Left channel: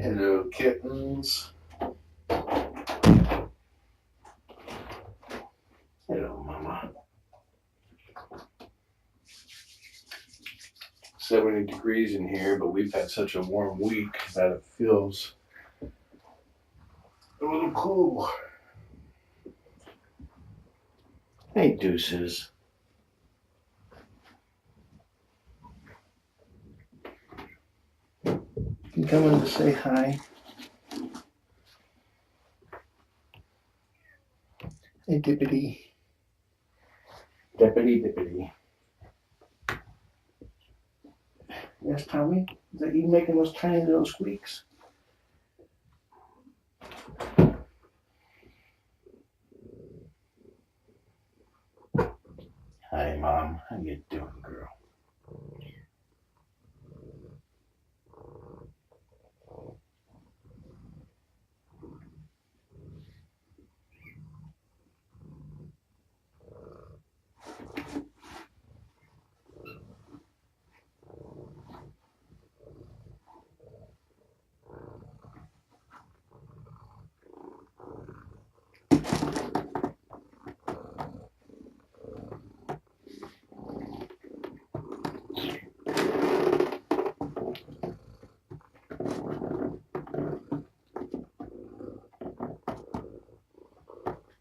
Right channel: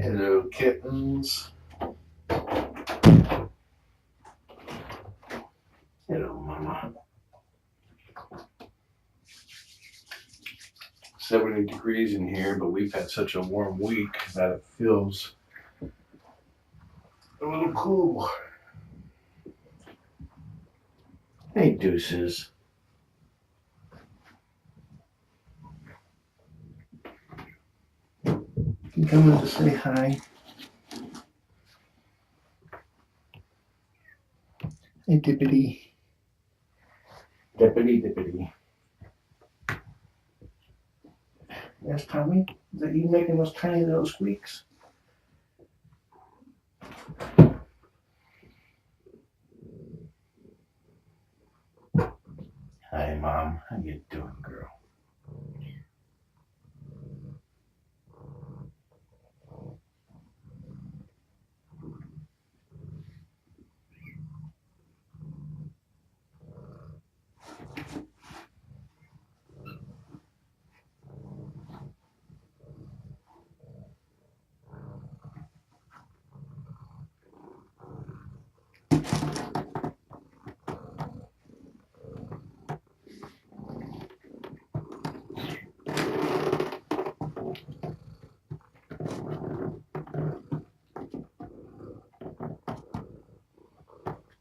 Hello, kittens. Hello, mama. 70 degrees in here, but we've had such a warm week that it feels a little cool. Hey, Deuces. You can come in to say hi. Hey, Dippity. Dippity. Yes, Tommy? Is that you making those tiny little squeaks? Hi, Mom. How you doing, girl?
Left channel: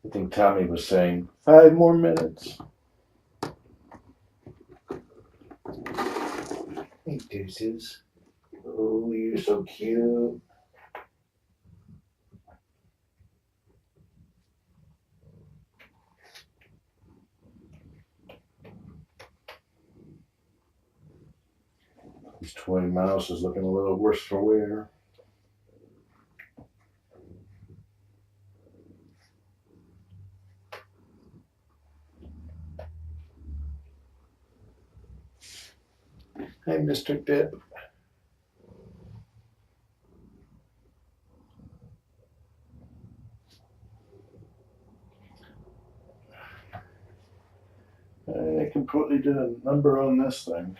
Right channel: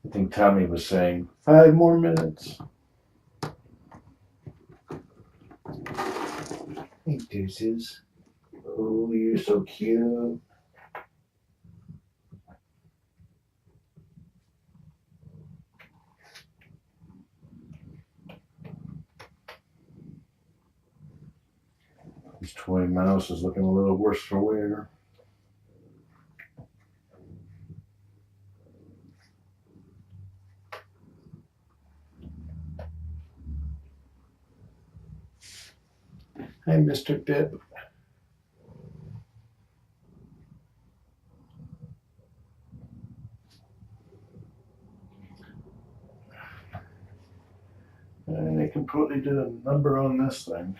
I think Tommy was saying 5 more minutes. Hey, Deuces. Oh, you're so cute. This toy mouse is looking a little worse for wear. Hi, Mr. Dip. I completely did a number on this thing.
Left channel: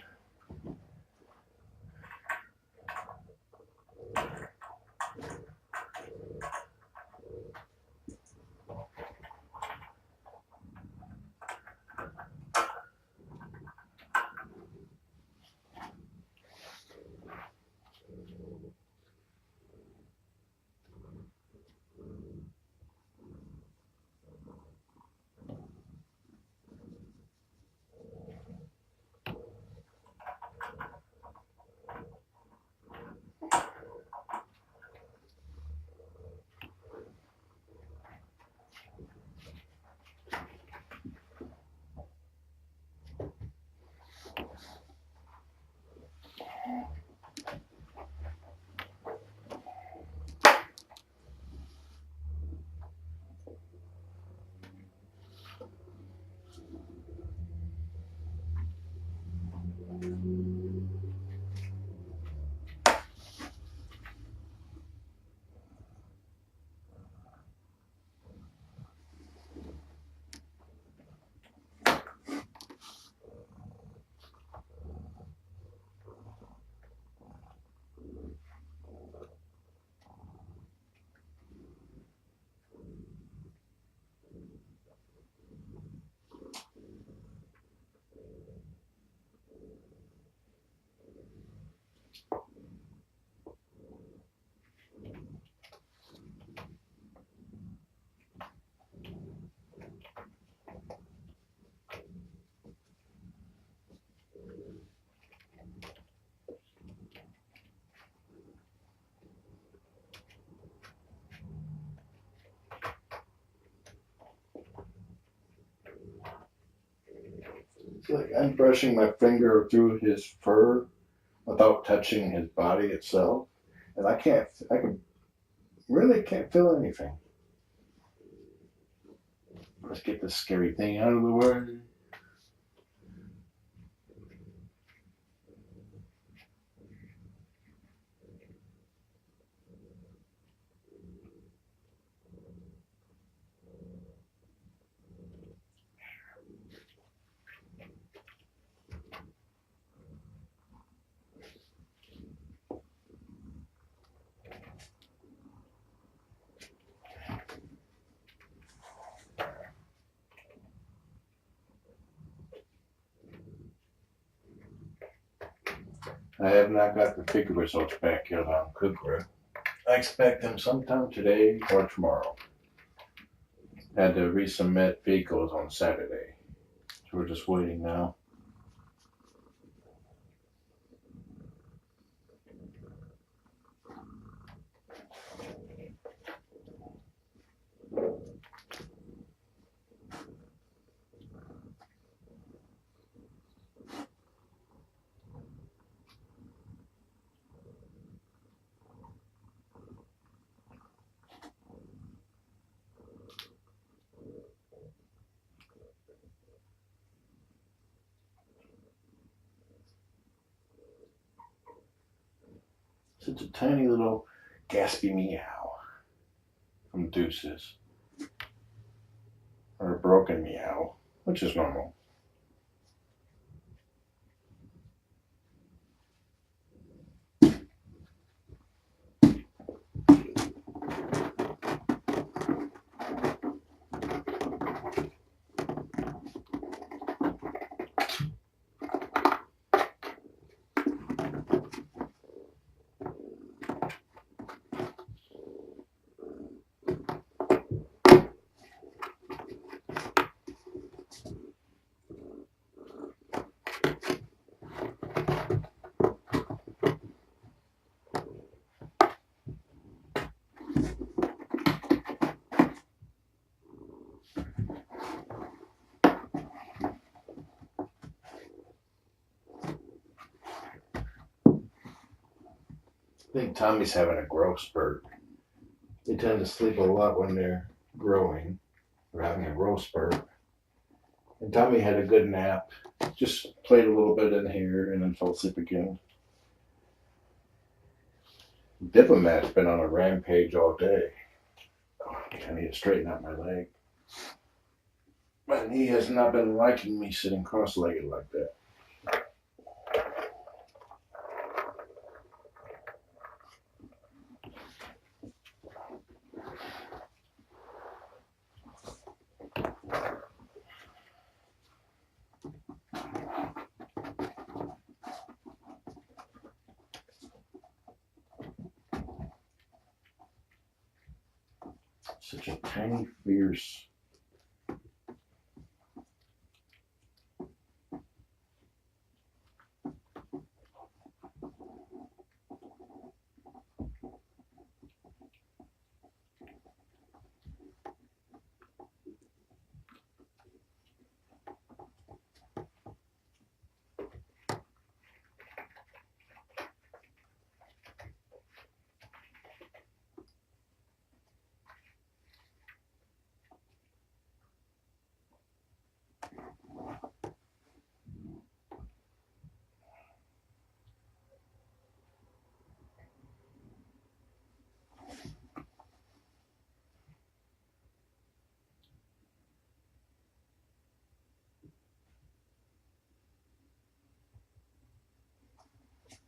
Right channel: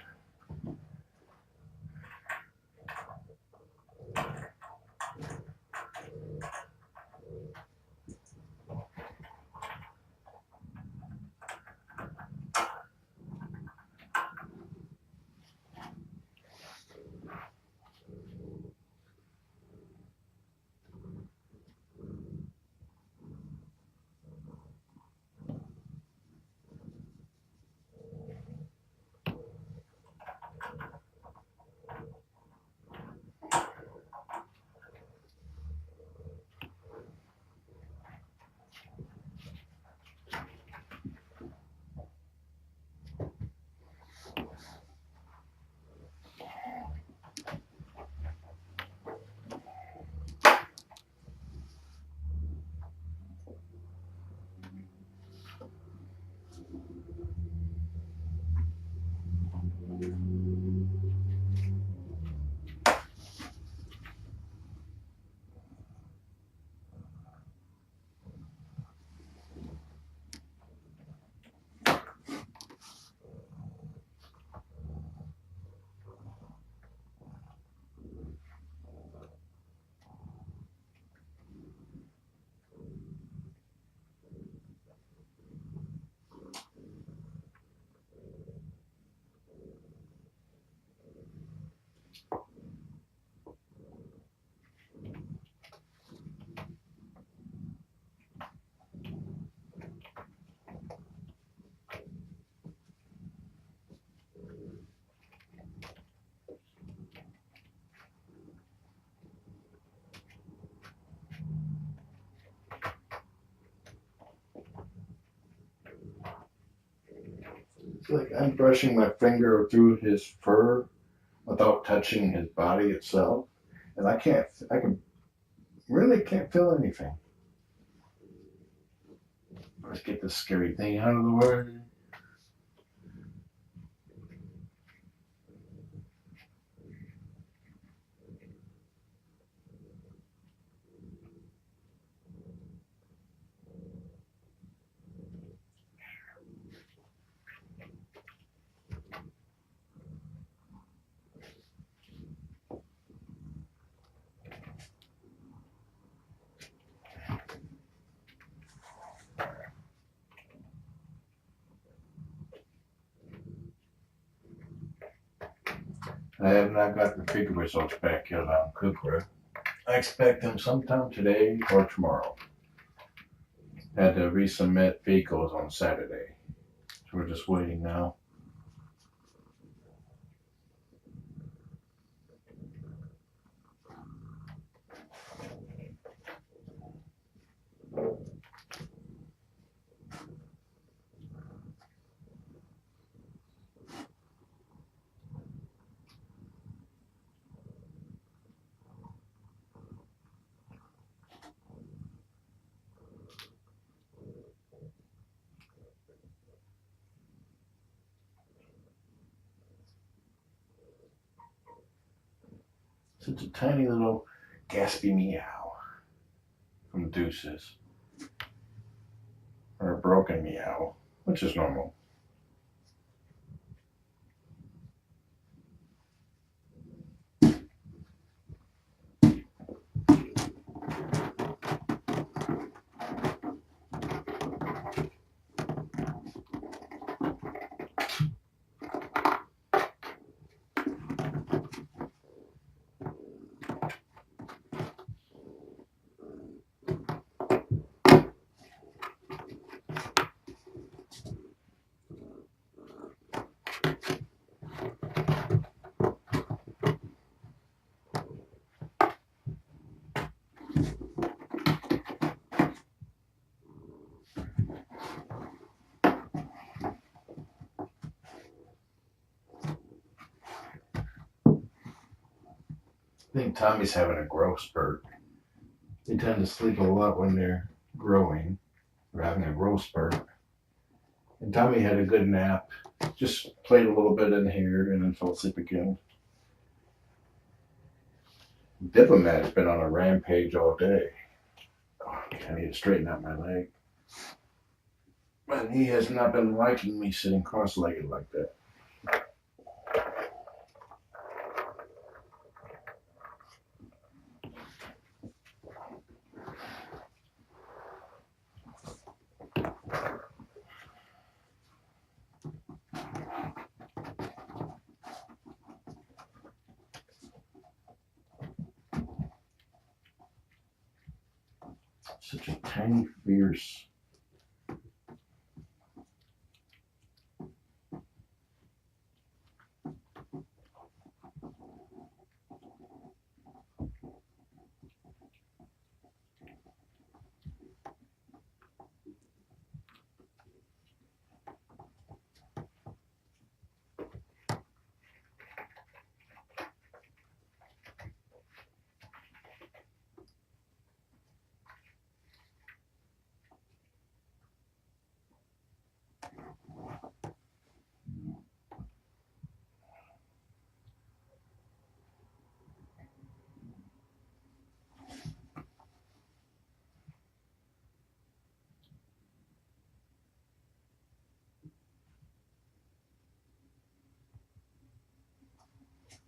It's like I'm brushing my finger through his fur without touching his body itself. And really can't feel anything. Let's get this scary thing out of the way. I have not got the figure results back yet on Kukra. I expect them sometime today or tomorrow. Had to resubmit vehicles on Saturday. So we're just waiting now. Such a tiny little gaspy meow from Deuces. Or a broken meow, which is normal. I think Tommy's having a growth spurt. They tend to sleep a lot when they're growing or having a growth spurt. And Tommy had a good nap, just played a little bit in here and then fell asleep again. Diplomat's been on a rampage all day. Oh, I need to straighten out my leg. My knee has not been liking me sitting cross-legged like that. Such a tiny, fierce.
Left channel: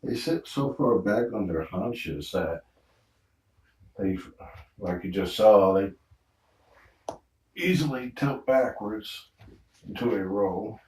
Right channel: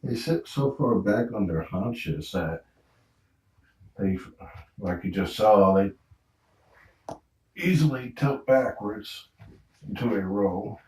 They sit so far back on their haunches that they, like you just saw, they easily tilt backwards into a row.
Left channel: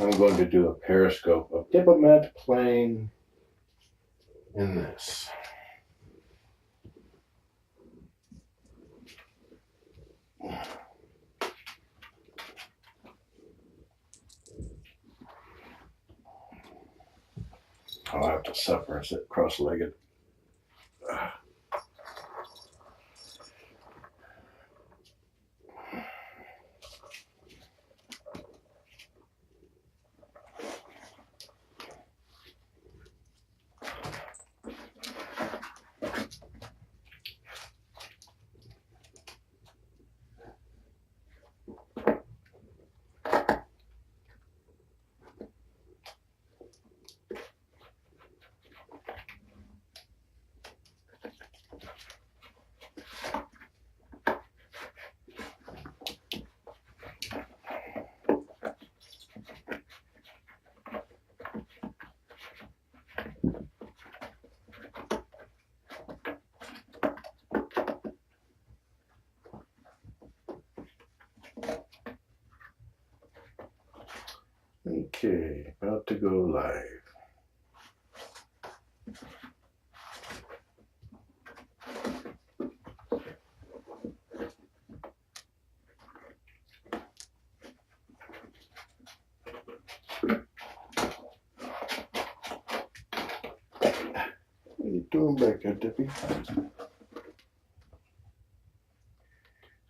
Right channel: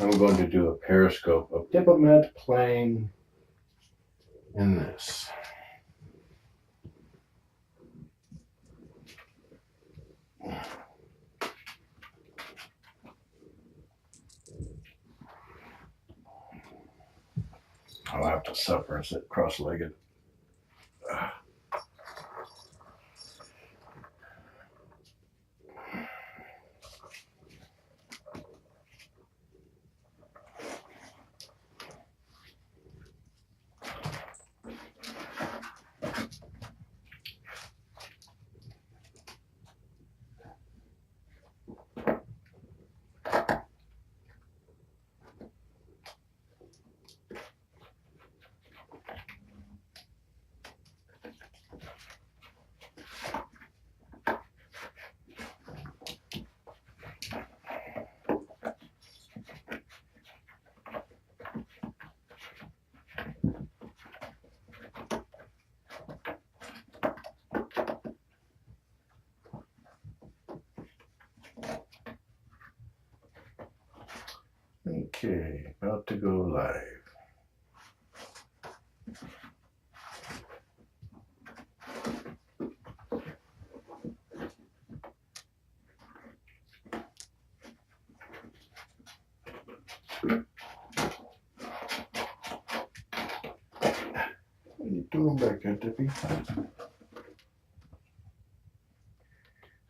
I'm going to do a Periscope of Diplomat playing in this. I'll have to suffer and sit cross-legged. Okay, about to go live. What are you doing back there, Dippy?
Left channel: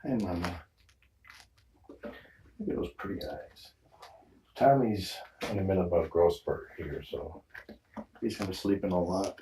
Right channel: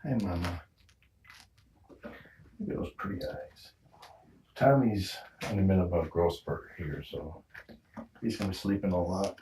Hey, Mama. Look at those pretty eyes. Tommy's in the middle of a growth spurt here, so he's going to sleep in a lot.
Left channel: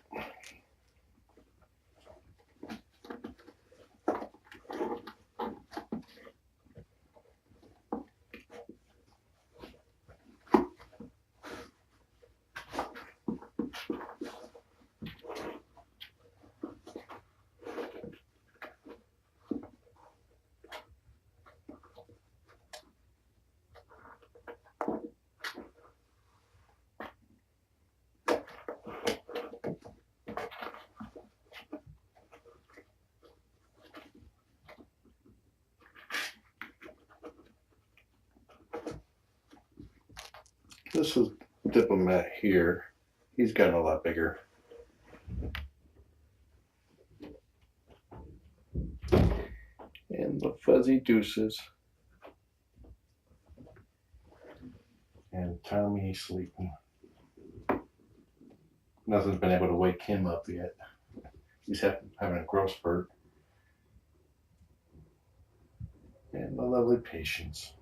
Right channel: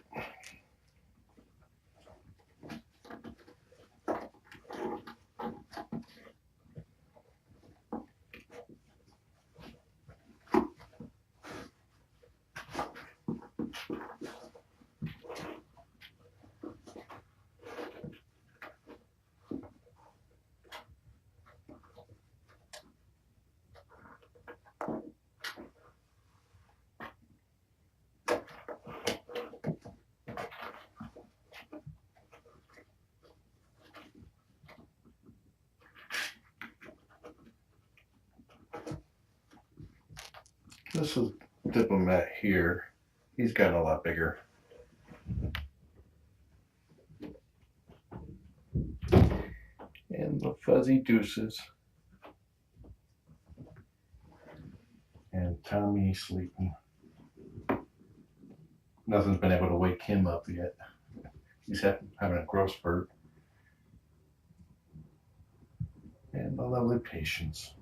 This is Diplomat here. He's gotten a lot bigger. And the fuzzy Deuces. And Tommy sleeping. Nothing's been able to wake him up yet. He's having a growth spurt. And the lovely Patience.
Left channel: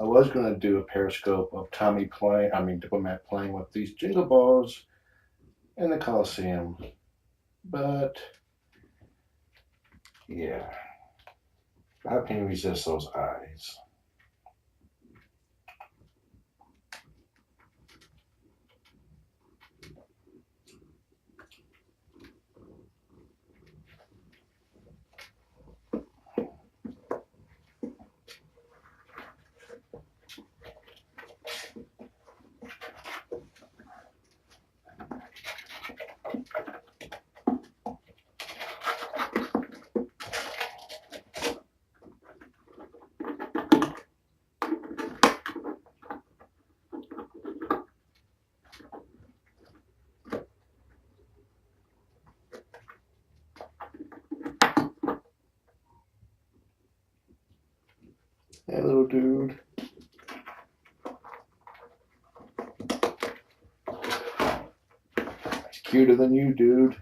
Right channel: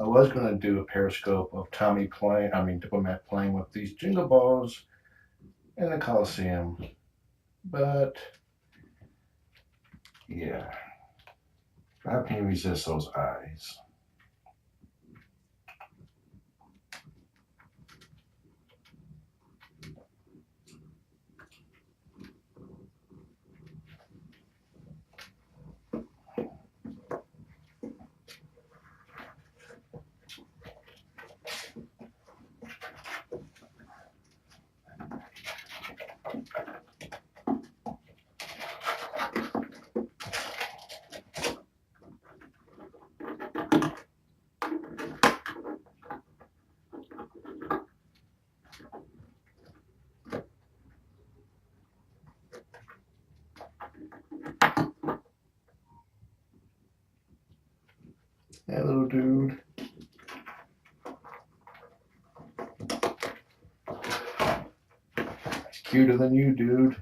I was going to do a Periscope of Diplomat playing with these jingle balls in the Coliseum. But, yeah. How can you resist those eyes? Hey, little dude. He's cuter than you, dude.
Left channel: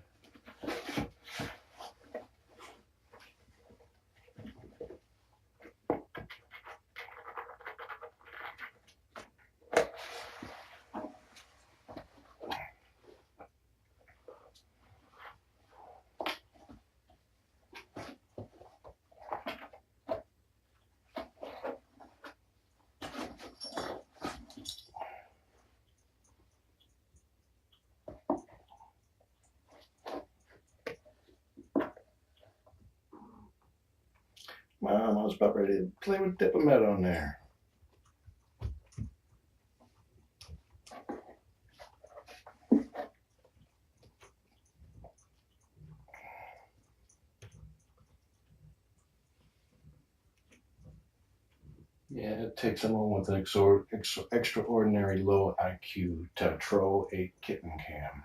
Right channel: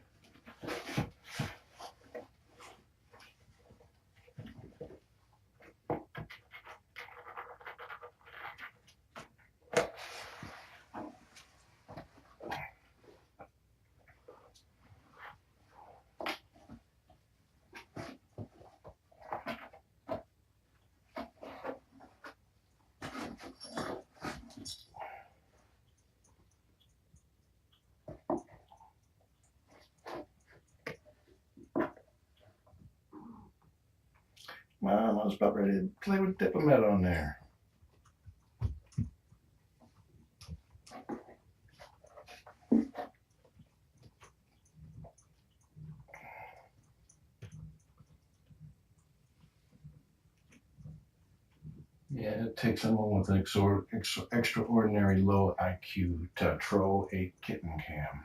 Mom, I was about ready to play with Diplomat on there. Yeah, it takes someone with an extraordinary low IQ to troll a kitten cam.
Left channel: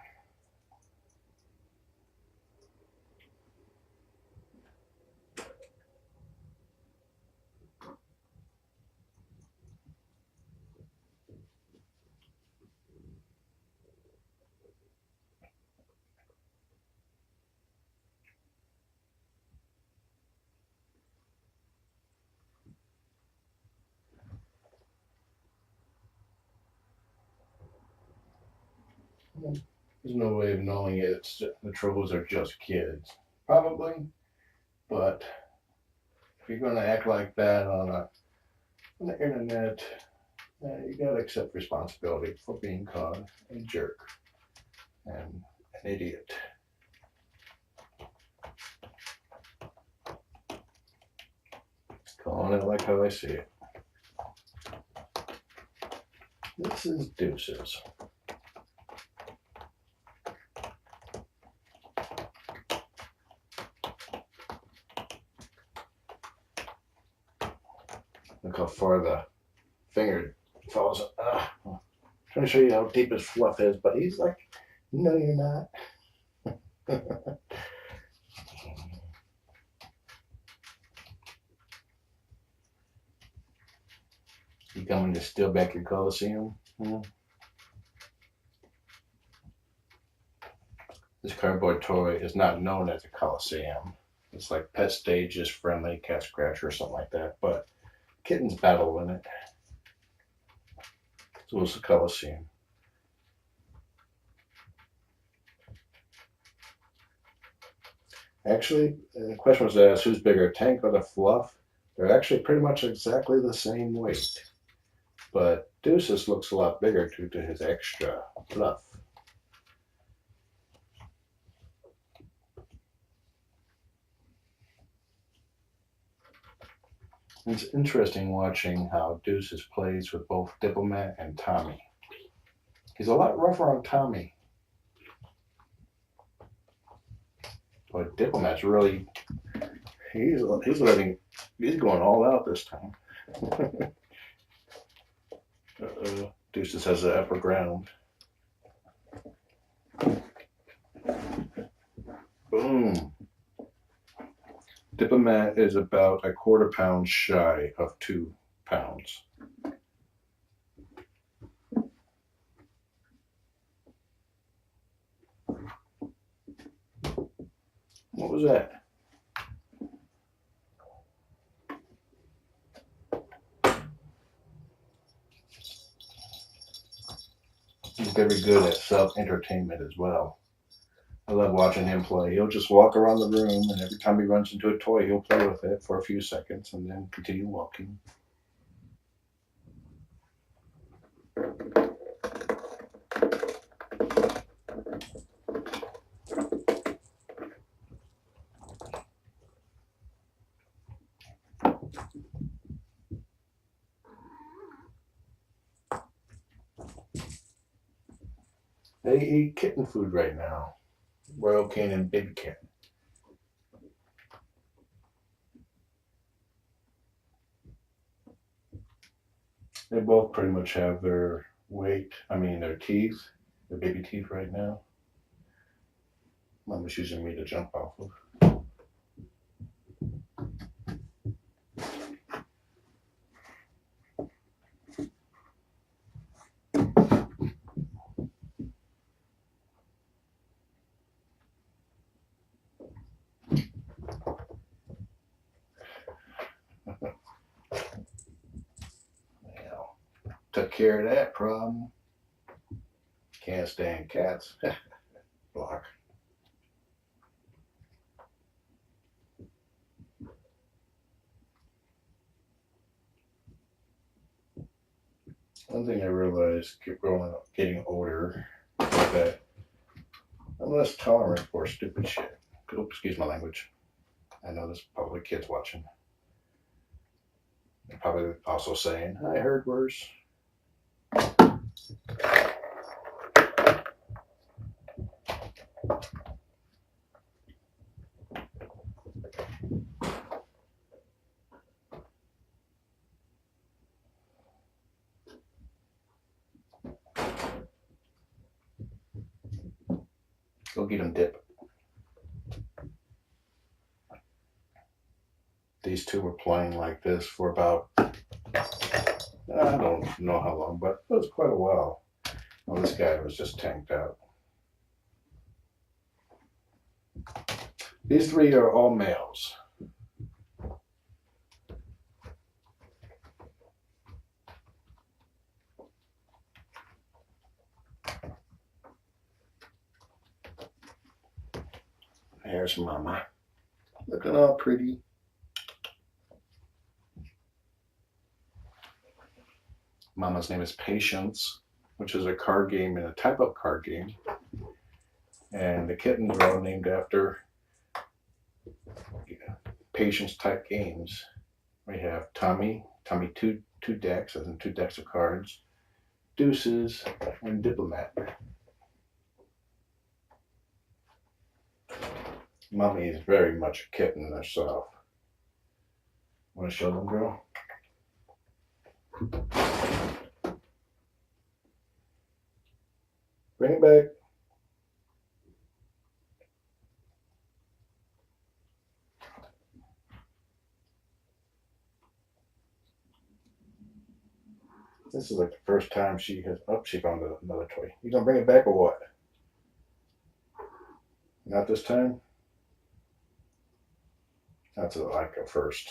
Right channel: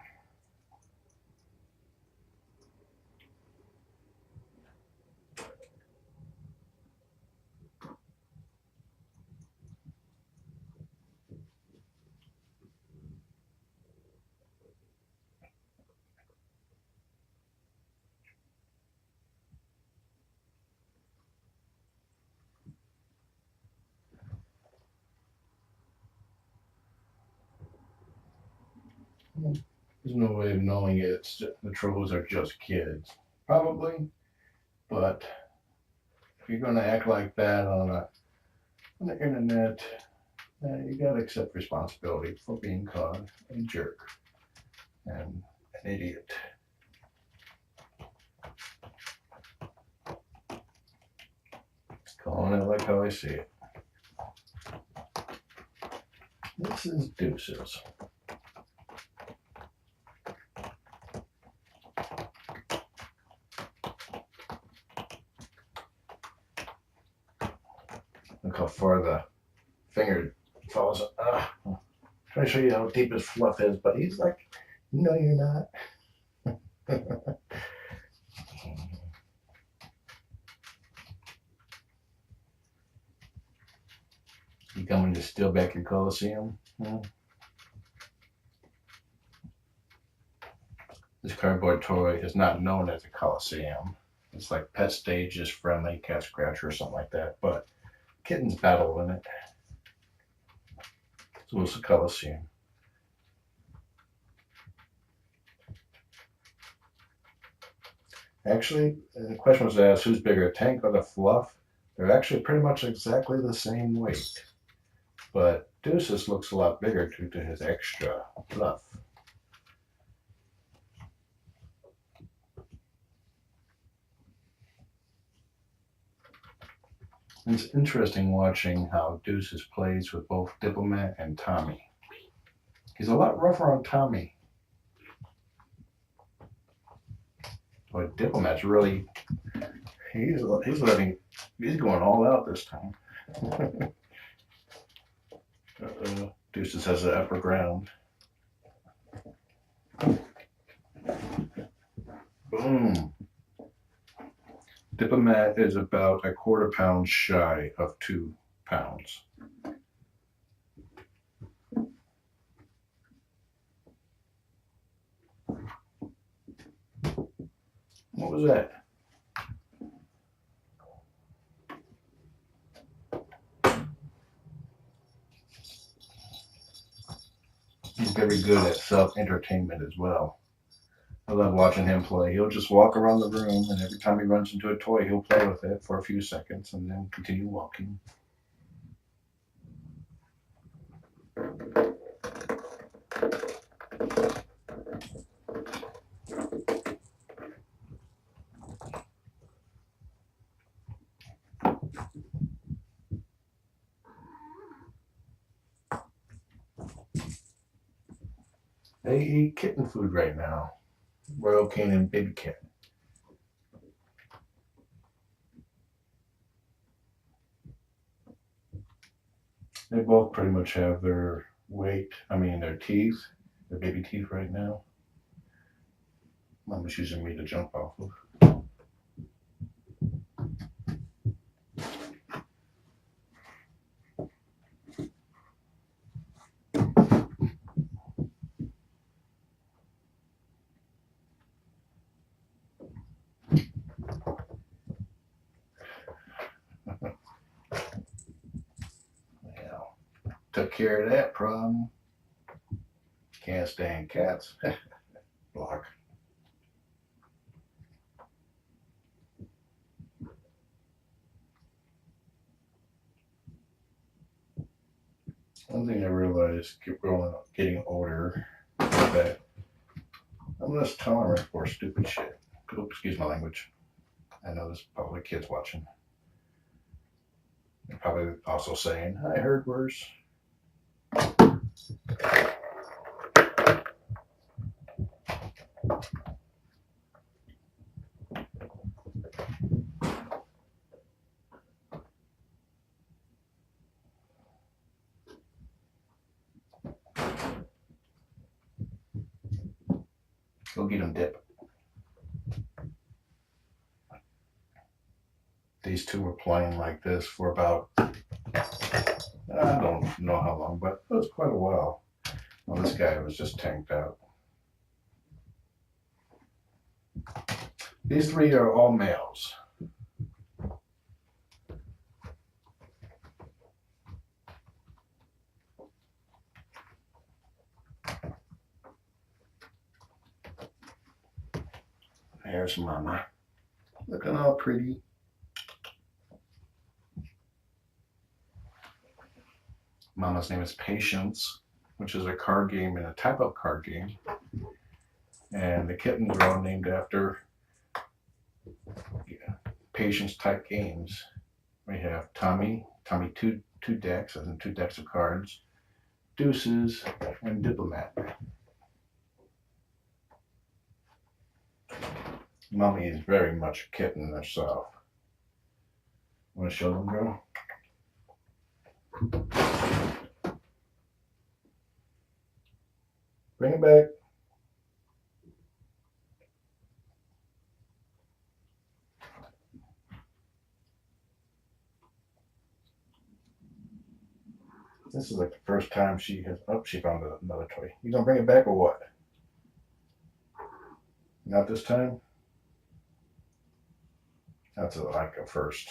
There's no way of knowing it. The trolls are just kids. Probably, but if you're going to act like that on the internet, you got to accept responsibility for being called a jerk and an idiot. Calling it like how I see it. This is Deuces. Look how far the finger falls. I'm trying to show you how deep his fluff is, but he's like, no, you're not. You coming to steal back your Coliseum? This cardboard toy is not known as a Coliseum. It's like Pet Stage is friendly, cat scratcher or something like that, but kittens battle in it. So it's a Coliseum. Actually, the question was asked, who's bigger, Tank or the Fluff? They're actually pretty much exactly the same weight. But Deuces looks a lot bigger due to his extra fluff. It's interesting watching how Deuces plays with both Diplomat and Tommy. He's a lot rougher on Tommy. But Diplomat's really, he's going all out this time. Deuces has the upper ground. Boom. Diplomat is about a quarter pound shy of 2 pounds. What was that? He's very good at self-entertainment as well. I love watching him play. He'll just walk around the room, and every time he runs into a toy, he'll play with it for a few seconds and then continue walking. They eat kitten food right now. Royal Canin and Baby Kitten. They both pretty much have their their teeth, their baby teeth right now. Mama's using me to jump off of. Took care of that problem. Can't stand cats. Block. One thing I realized, getting older, is that I'm less tolerant for stupid shit. Oops, excuse my language. I know there's probably kids watching. They're probably also saying, I heard worse. Go get him, Dip. These two were playing like this for about, I don't know how long, but it was quite a while. Well, this guy was just tanked out. These three are all males. There's Mama, looking all pretty. Mama's name is Patience, which is a card game and a type of card game. And the kittens are all named after Patience type games. We have Tommy two decks, as in 2 decks of cards, Deuces, and Diplomat. Mommy is very much a kitten herself. Want to show them, girl? Bring it back. This is like the first time she has. Oh, she found another toy. You gonna bring it back or what? Not this time? That's like a first.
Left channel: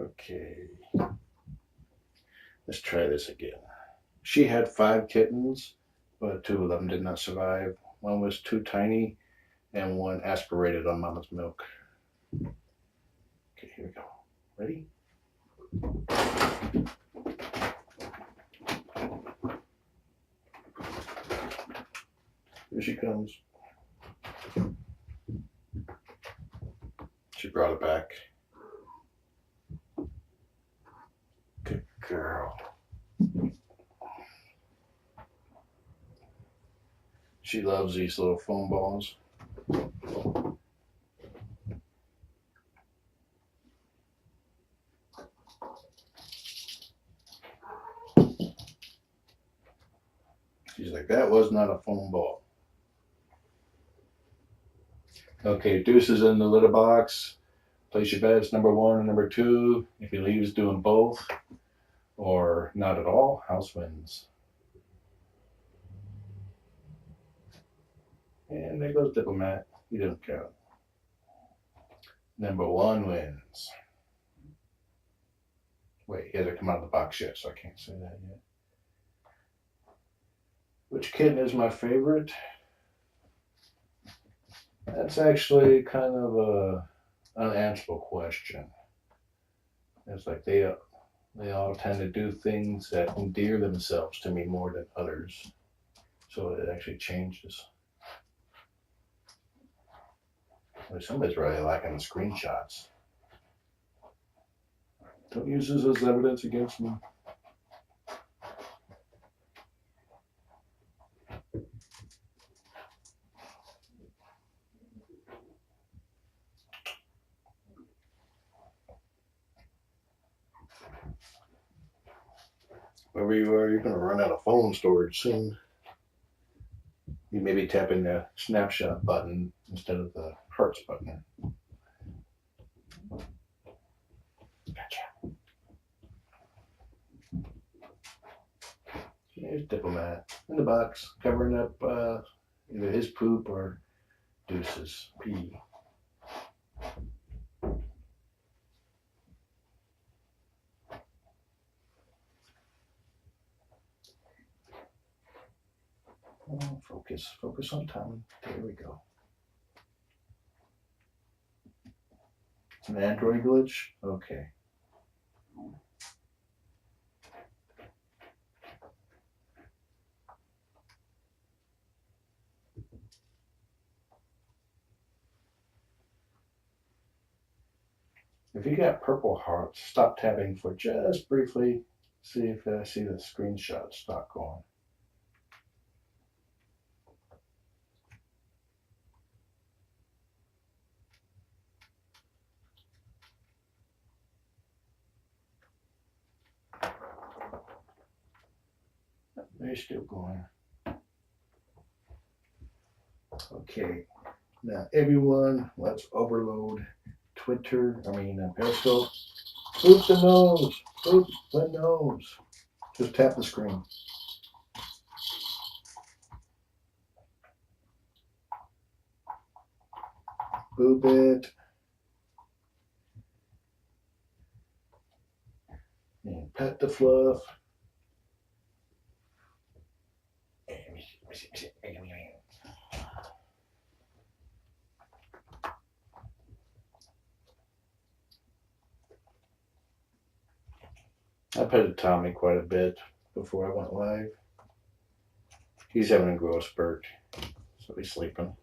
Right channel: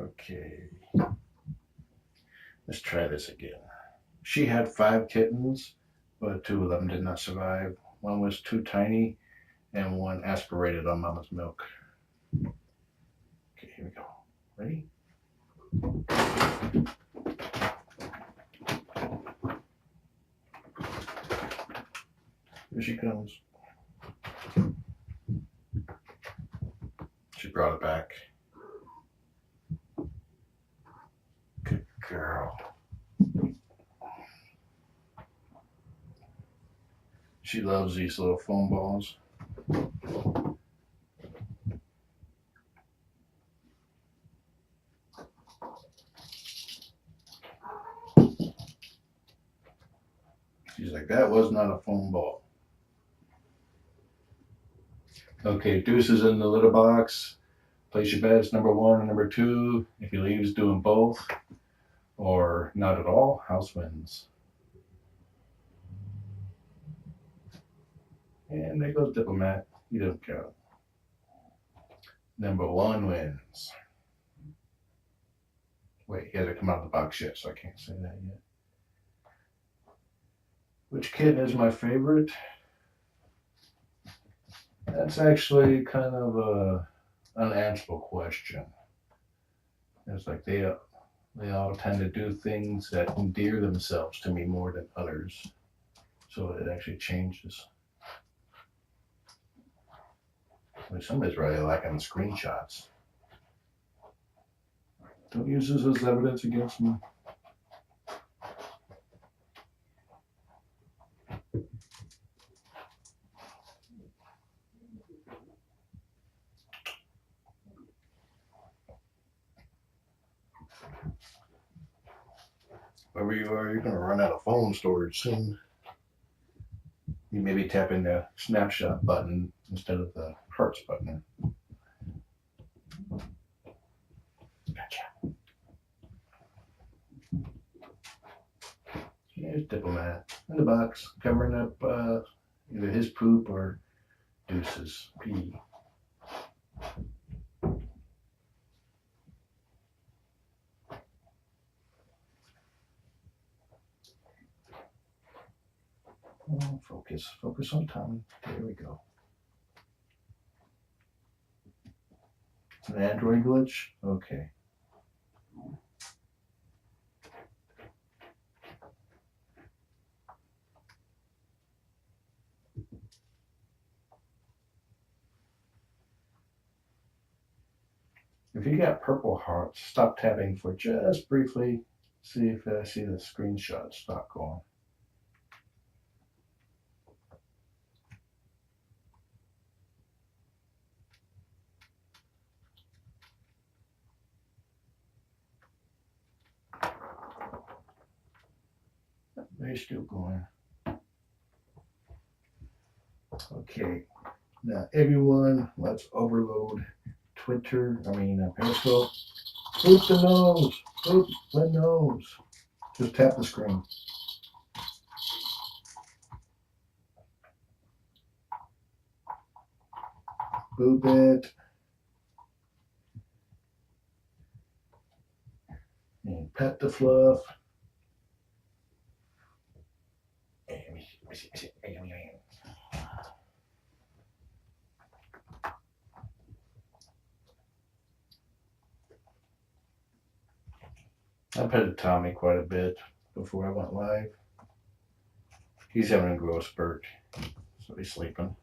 Okay. Let's try this again. She had 5 kittens, but 2 of them did not survive. One was too tiny, and one aspirated on Mama's milk. Okay, here we go. Ready? Here she comes. She brought it back. Good girl. She loves these little foam balls. She's like, that was not a foam ball. Okay, Deuces in the litter box. Place your bets, number 1 and number 2. If he leaves doing both, or not at all, house wins. And there goes Diplomat. He doesn't count. Number 1 wins. Wait, he hasn't come out of the box yet, so I can't say that yet. Which kitten is my favorite? That's actually kind of a unanswerable question. It's like they all tend to do things that endear themselves to me more than others. So it actually changes. Somebody's really liking the screenshots. Don't use this as evidence against me. Wherever you are, you're going to run out of phone storage soon. You may be tapping the snapshot button instead of the hearts button. Gotcha. Here's Diplomat in the box, covering up either his poop or Deuce's pee. Oh, focus on Tommy. There we go. It's an Android glitch? Okay. If you got purple hearts, stop tapping for just briefly. See if I see the screenshot stop going. They're still going. Okay, now everyone, let's overload Periscope. Boop the nose, boop the nose. Just tap the screen. Boop it. And pet the fluff. I petted Tommy quite a bit before I went live. He's having a growth spurt, so he's sleeping.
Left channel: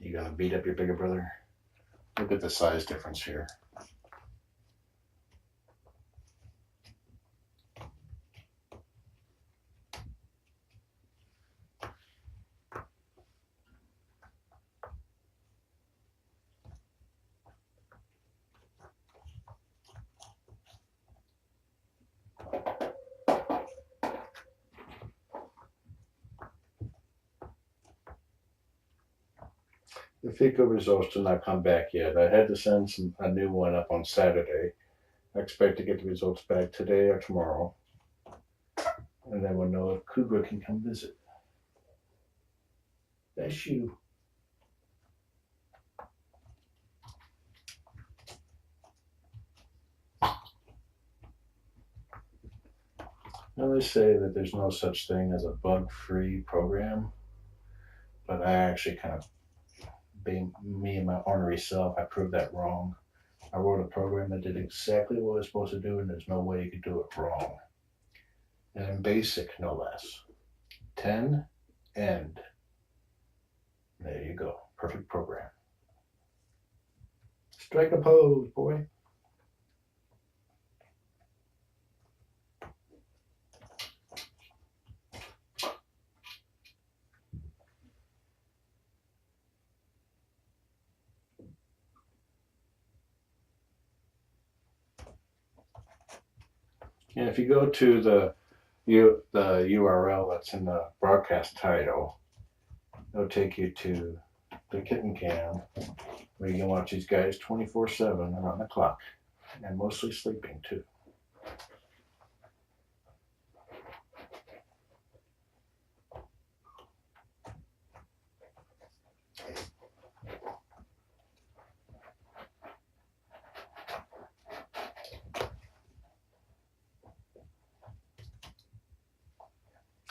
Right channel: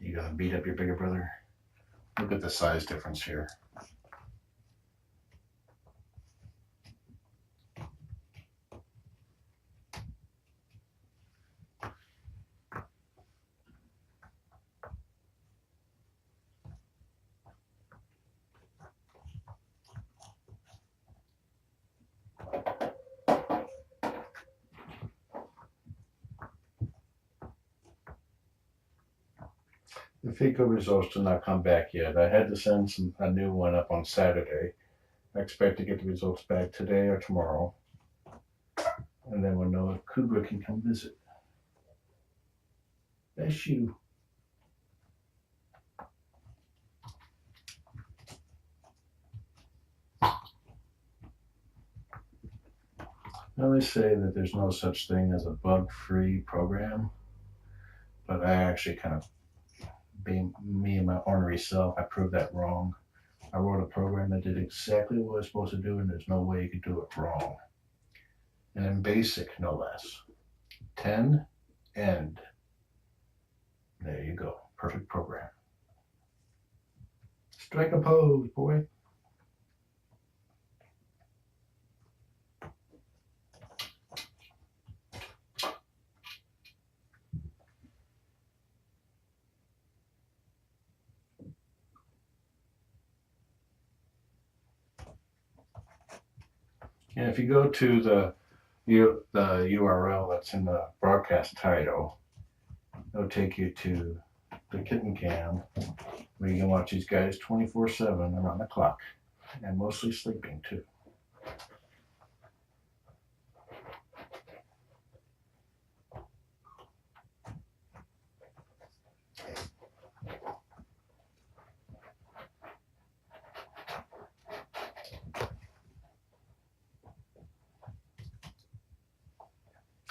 You gotta beat up your bigger brother. Look at the size difference here. The FICO results did not come back yet. I had to send a new one up on Saturday. I expect to get the results back today or tomorrow. And then we'll know if Cougar can come visit. That's you. Now they say that there's no such thing as a bug-free program, but I actually kind of, being me and my ornery self, I proved that wrong. I wrote a program that did exactly what it was supposed to do, and there's no way you could do it wrong. And in BASIC, no less. 10, end. There you go. Perfect program. Strike a pose, boy. And if you go to the URL that's in the broadcast title, it'll take you to the Kitten Cam, where you can watch these guys 24/7 around the clock, and mostly sleeping too.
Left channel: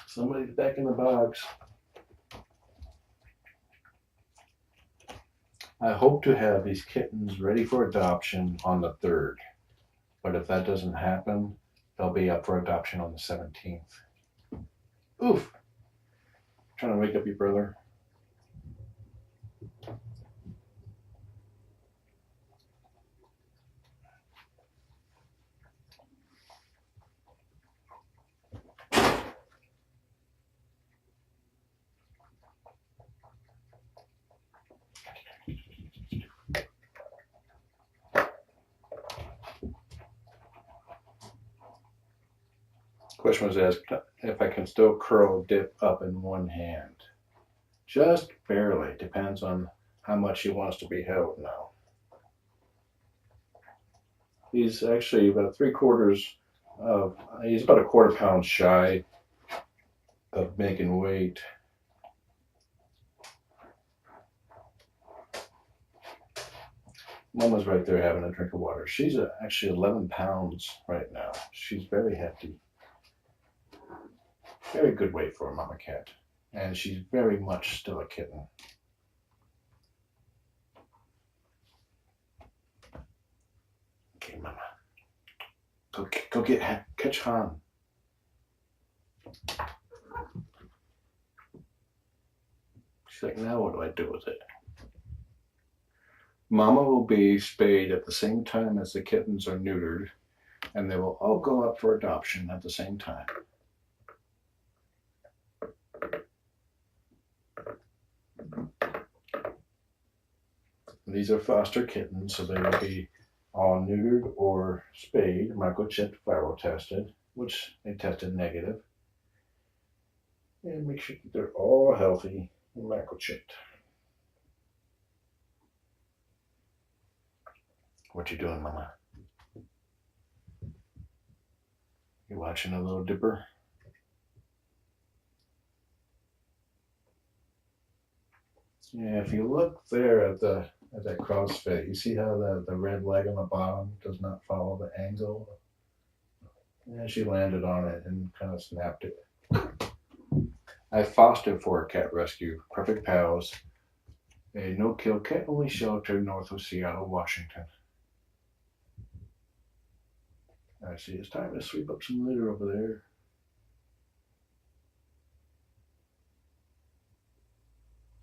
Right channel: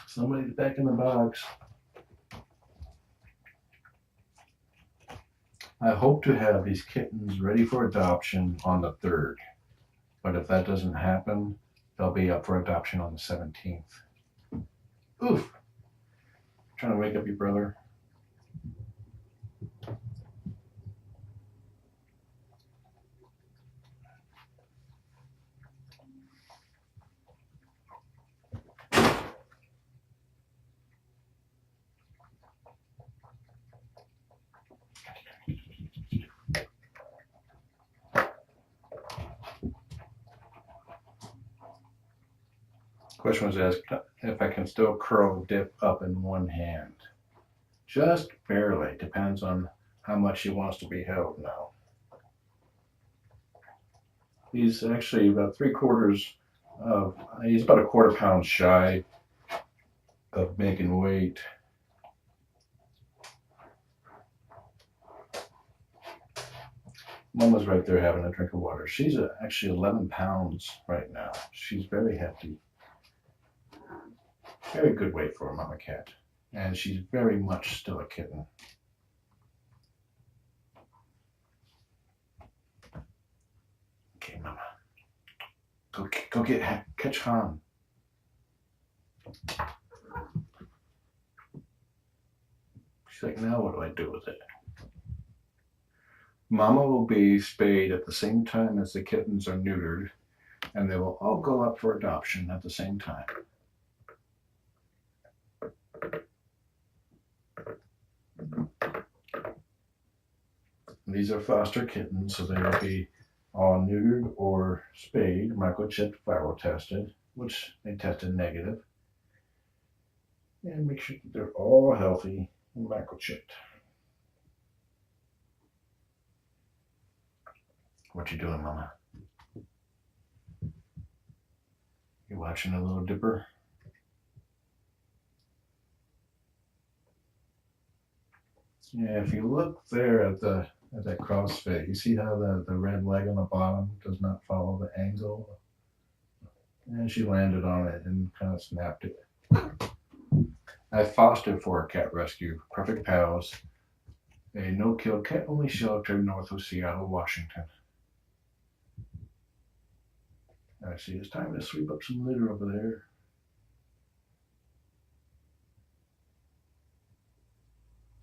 Somebody's back in the box. I hope to have these kittens ready for adoption on the 3rd, but if that doesn't happen, they'll be up for adoption on the 17th. Oof! Trying to wake up your brother. Question was asked if I can still curl dip up in one hand. Just barely. Depends on how much he wants to be held now. He's actually about he's about a quarter pound shy of making weight. Mama's right there having a drink of water. She's actually 11 pounds right now. She's very hefty. Very good weight for a mama cat. And she's very much still a kitten. Okay, mama. Go catch Han. She's like, now what do I do with it? Mama will be spayed at the same time as the kittens are neutered, and they will all go up for adoption at the same time. These are foster kittens, so they will be all neutered or spayed, microchipped, viral tested, which they tested negative, and make sure that they're all healthy and microchipped. What you doing, Mama? You watching a little dipper? Yeah, if you look there at that CrossFit, you see how the red leg on the bottom does not follow the angle? And she landed on it and kind of snapped it. I fostered for a cat rescue, Purrfect Pals, a no-kill cat-only shelter north of Seattle, Washington. I see it's time to sweep up some litter over there.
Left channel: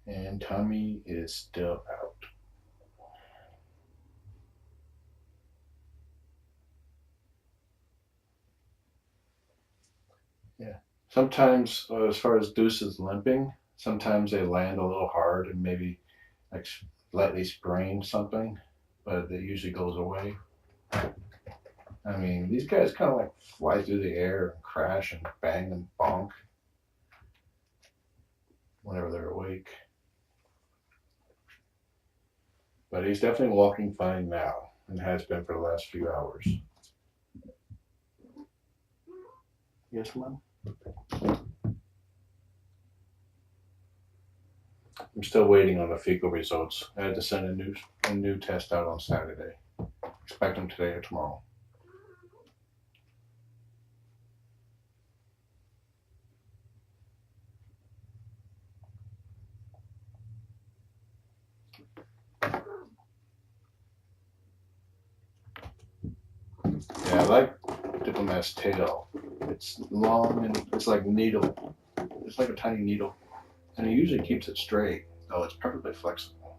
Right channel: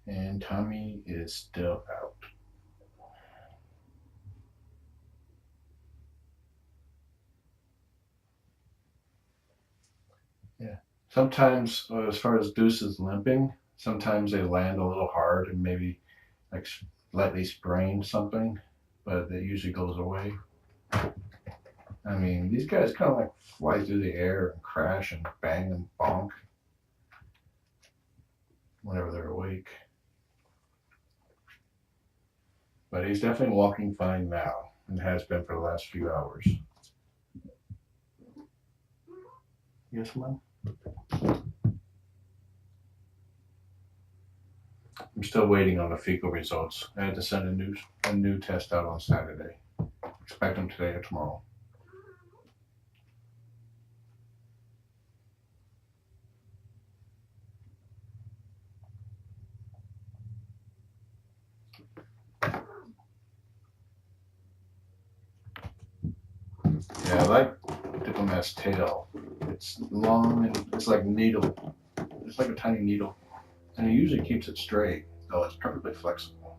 And Tommy is still out. Yeah. Sometimes, as far as Deuces limping, sometimes they land a little hard and maybe like slightly sprain something, but it usually goes away. I mean, these guys kind of like fly through the air and crash and bang and bonk whenever they're awake. But he's definitely walking fine now and has been for the last few hours. Yes, Mom? I'm still waiting on the fecal results. I had to send a new test out on Saturday. Expect them today or tomorrow. Yeah, I like Diplomat's tail. It's long and it's like needle. It's like a tiny needle. And he usually keeps it straight, though it's perfectly flexible.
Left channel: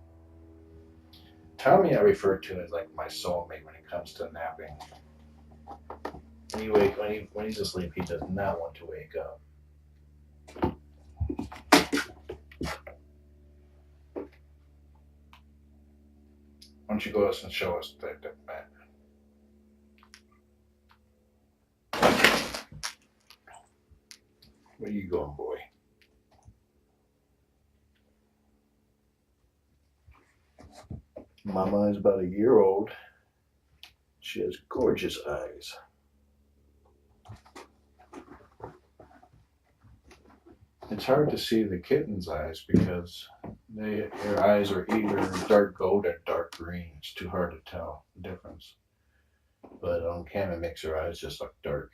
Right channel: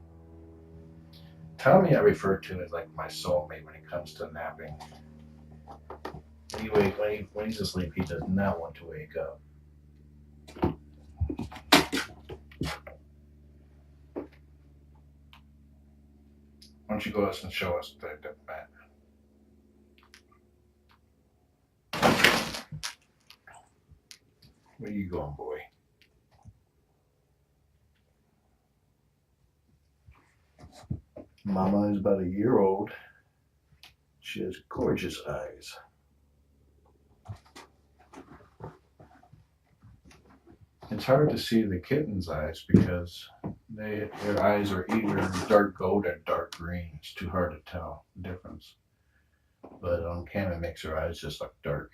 Tommy I refer to as like my soulmate when it comes to napping. When he's asleep, he does not want to wake up. Why don't you go us and show us the Diplomat? Where you going, boy? Mama is about a year old. She has gorgeous eyes. It's hard to see the kitten's eyes because their eyes are either dark gold or dark green. It's too hard to tell the difference. But on camera, it makes her eyes just look dark.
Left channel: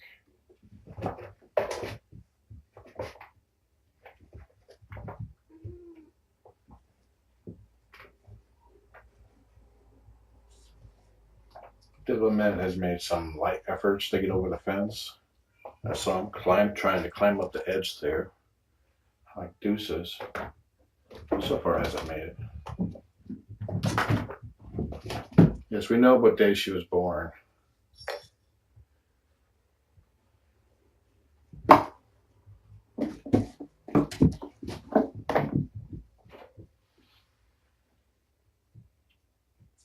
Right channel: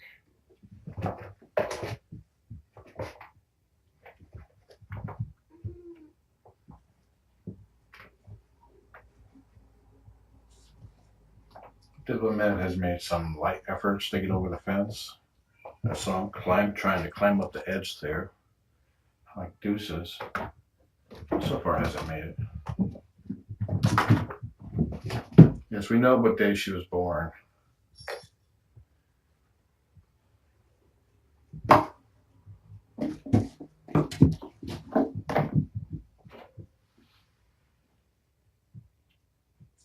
Diplomat has made some light efforts to get over the fence. I saw him trying to climb up the edge there, like Deuces. So far hasn't made it. Yes, we know what day she was born.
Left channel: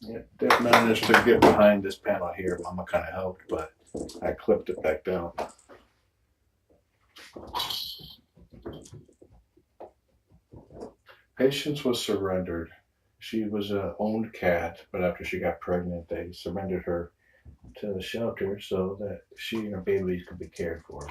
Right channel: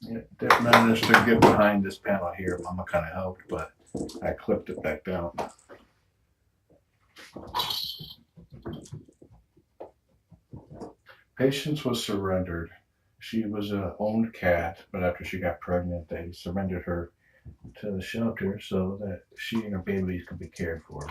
Yeah, Dip managed to get behind this panel here. Mama kind of helped, but I clipped it back down. Patience was surrendered. She was an owned cat, but after she got pregnant, they surrendered her to the shelter so that she and her babies could be cared for.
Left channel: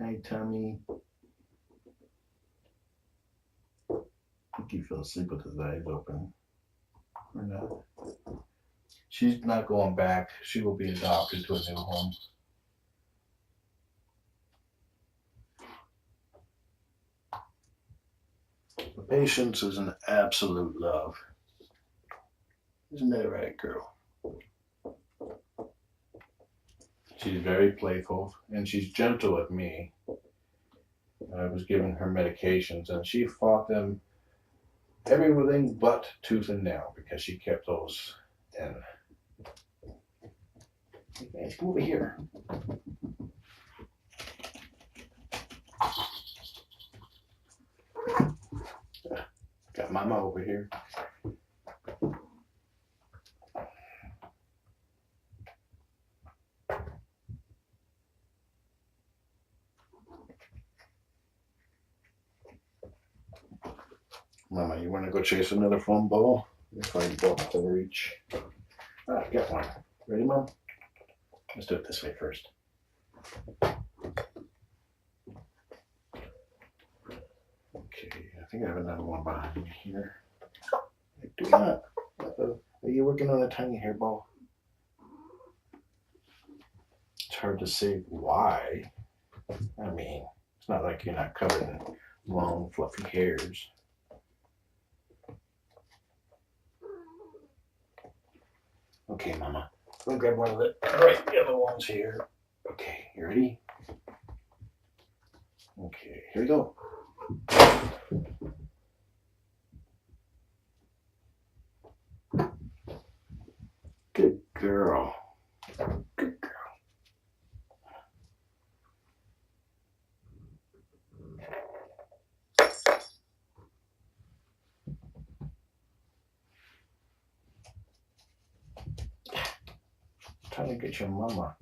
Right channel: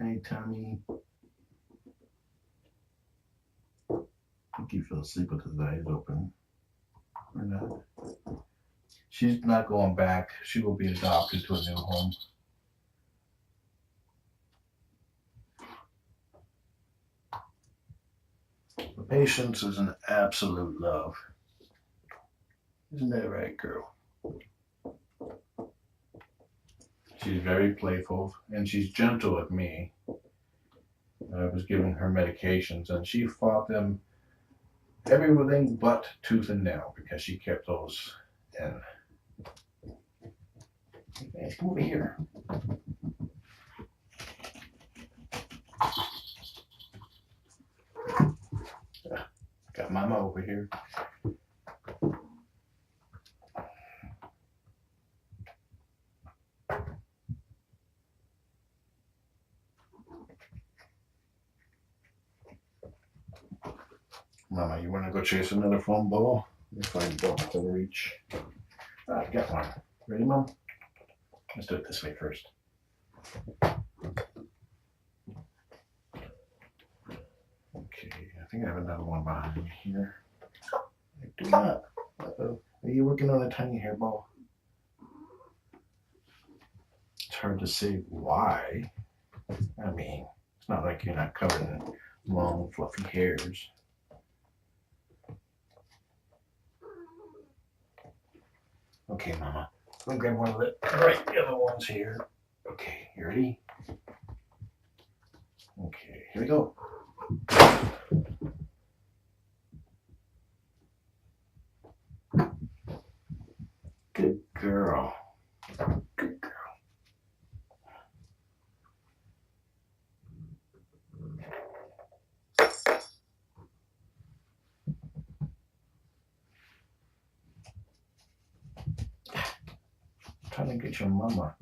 Hey, Tommy. I think he fell asleep with his eyes open. Or not. She's not going back. She will be adopted to a new home. The Patience is an absolute love. Isn't that right, girl? She's very playful and she's gentle with me. I was giving her medications and she fought them everything but tooth and nail because she kept those in. Let's come over here. Got Mama over here. Mama, you want to go chase another foam ball? Let me find a ball to reach. I got one. Ready, Mom? Let's do it this way first. Okay, I think I have another one behind me here. I do not. Uh-oh. Are you working on a tiny hairball? It's hard to say why. I mean, it's not like you're not covered in long, fluffy hairs. Okay, Mama. Let me grab one of the bright yellow ones here. Okay, you ready? Okay, here we go. Good girl. Good girl. Trying to get your mama.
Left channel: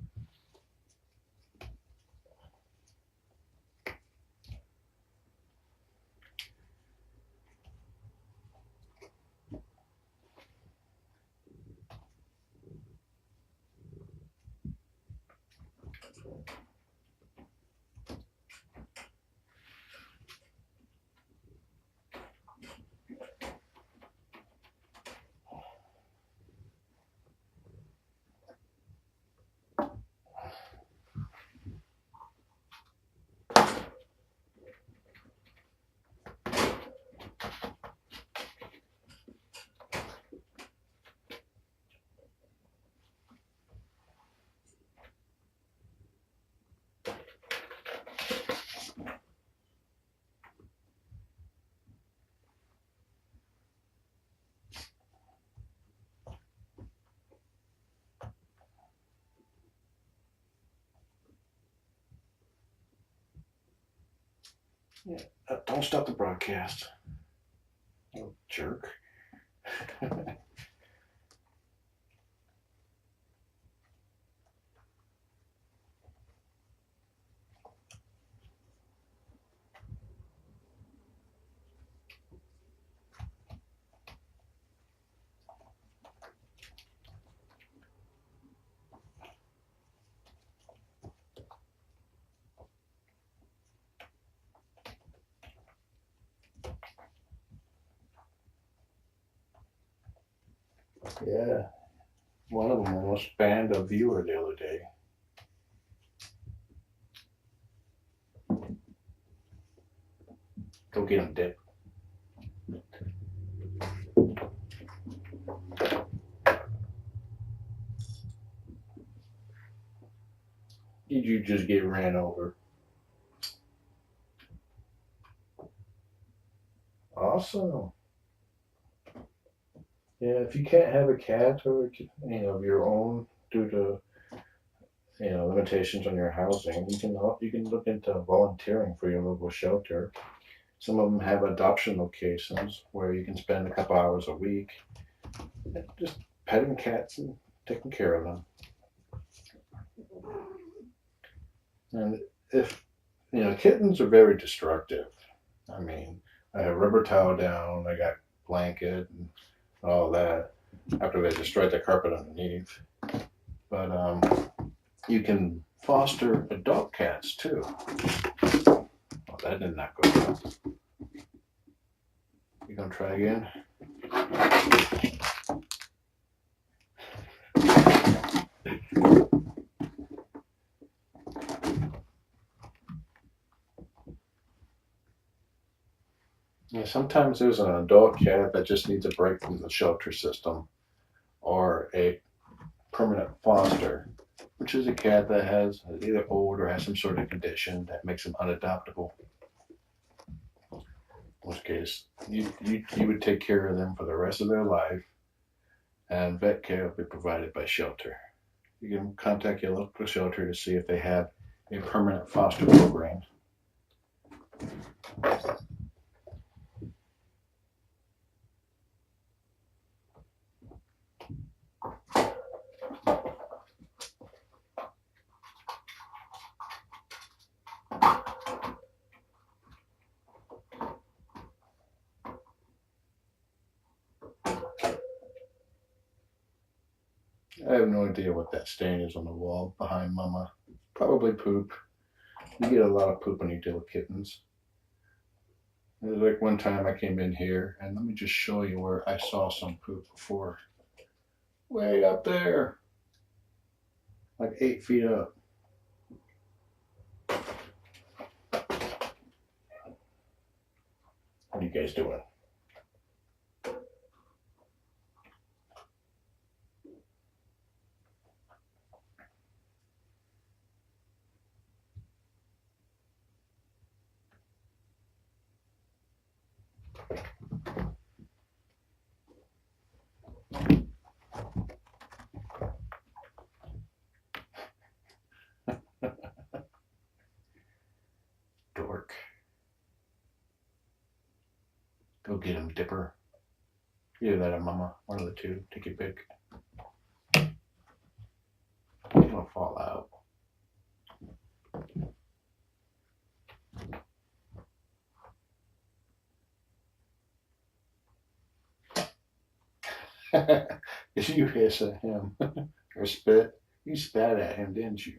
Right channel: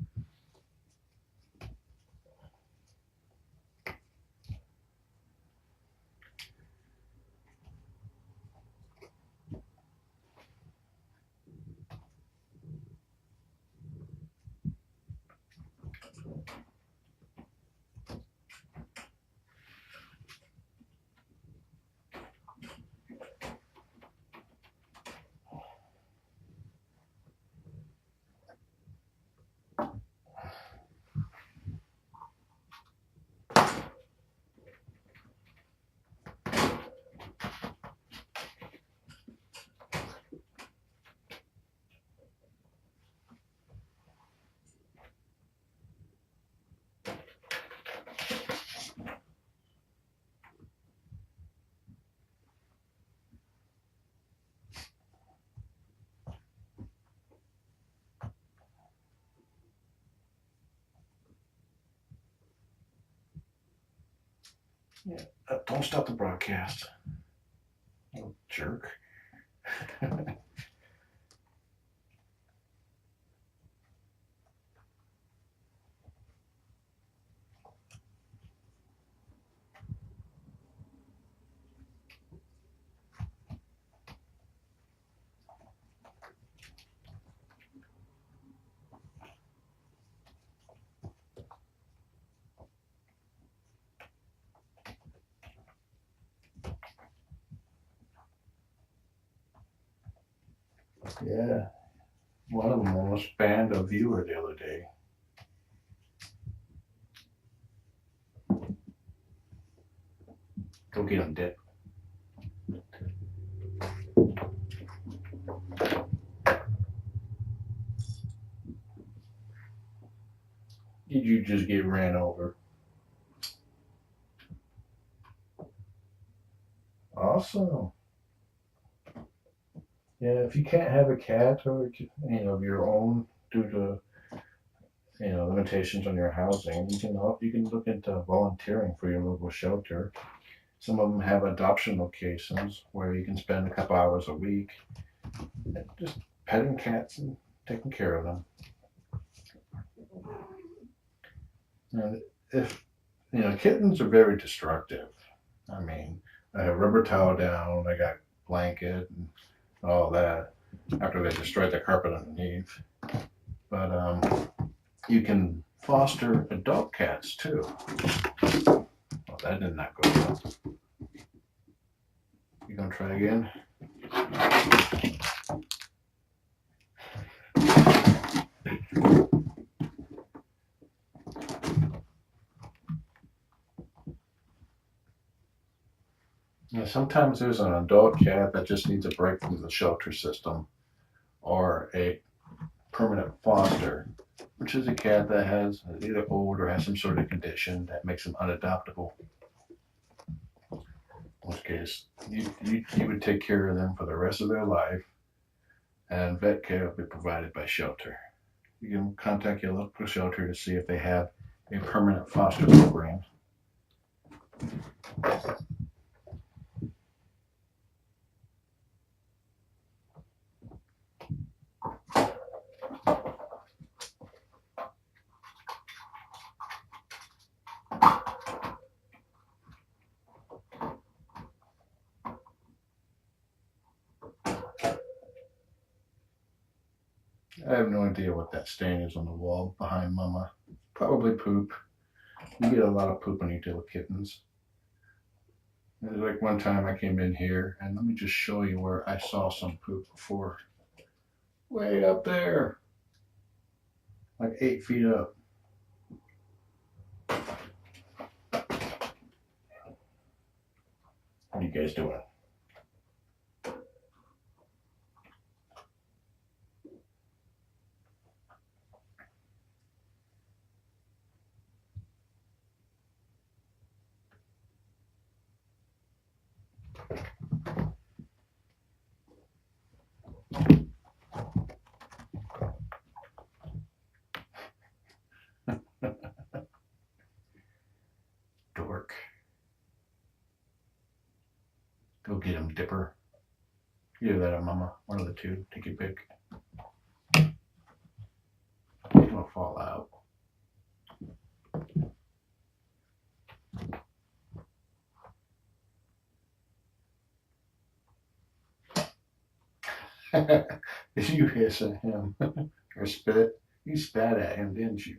Yeah, don't stop the broadcast. You jerk. Yeah, one of them almost banned a viewer the other day. Go get him, Dip. Did you just get ran over? Awesome. Yeah, if you can't have a cat or of your own due to limitations on your housing, you can look into volunteering for your local shelter. Some of them have adoption locations where you can spend a couple hours a week just petting cats and taking care of them. And if kittens are very destructive. I mean, I have rubber towel down, I got blanket and all that after they destroyed the carpet underneath. But you can foster adult cats too. Oh, that did not go well. You gonna try again? Yeah, sometimes there's an adult cat that just needs a break from the shelter system, or a permanent foster, which is a cat that has either old or has some sort of condition that makes them unadoptable. In which case, you would take care of them for the rest of their life, and vet care will be provided by shelter. you can contact your local shelter to see if they have a permanent foster program. I have no idea what that stain is on the wall behind Mama. Probably poop. You get a lot of poop when you deal with kittens. It was like one time I came in here, and let me just show you where I saw some poop before. Way up there. Like 8 feet up. What are you guys doing? Dork. Go get him, Dipper. Either that or Mama. One of the two. Take your pick. He's gonna fall out. Did you hiss at him? Or spit? You spat at him, didn't you?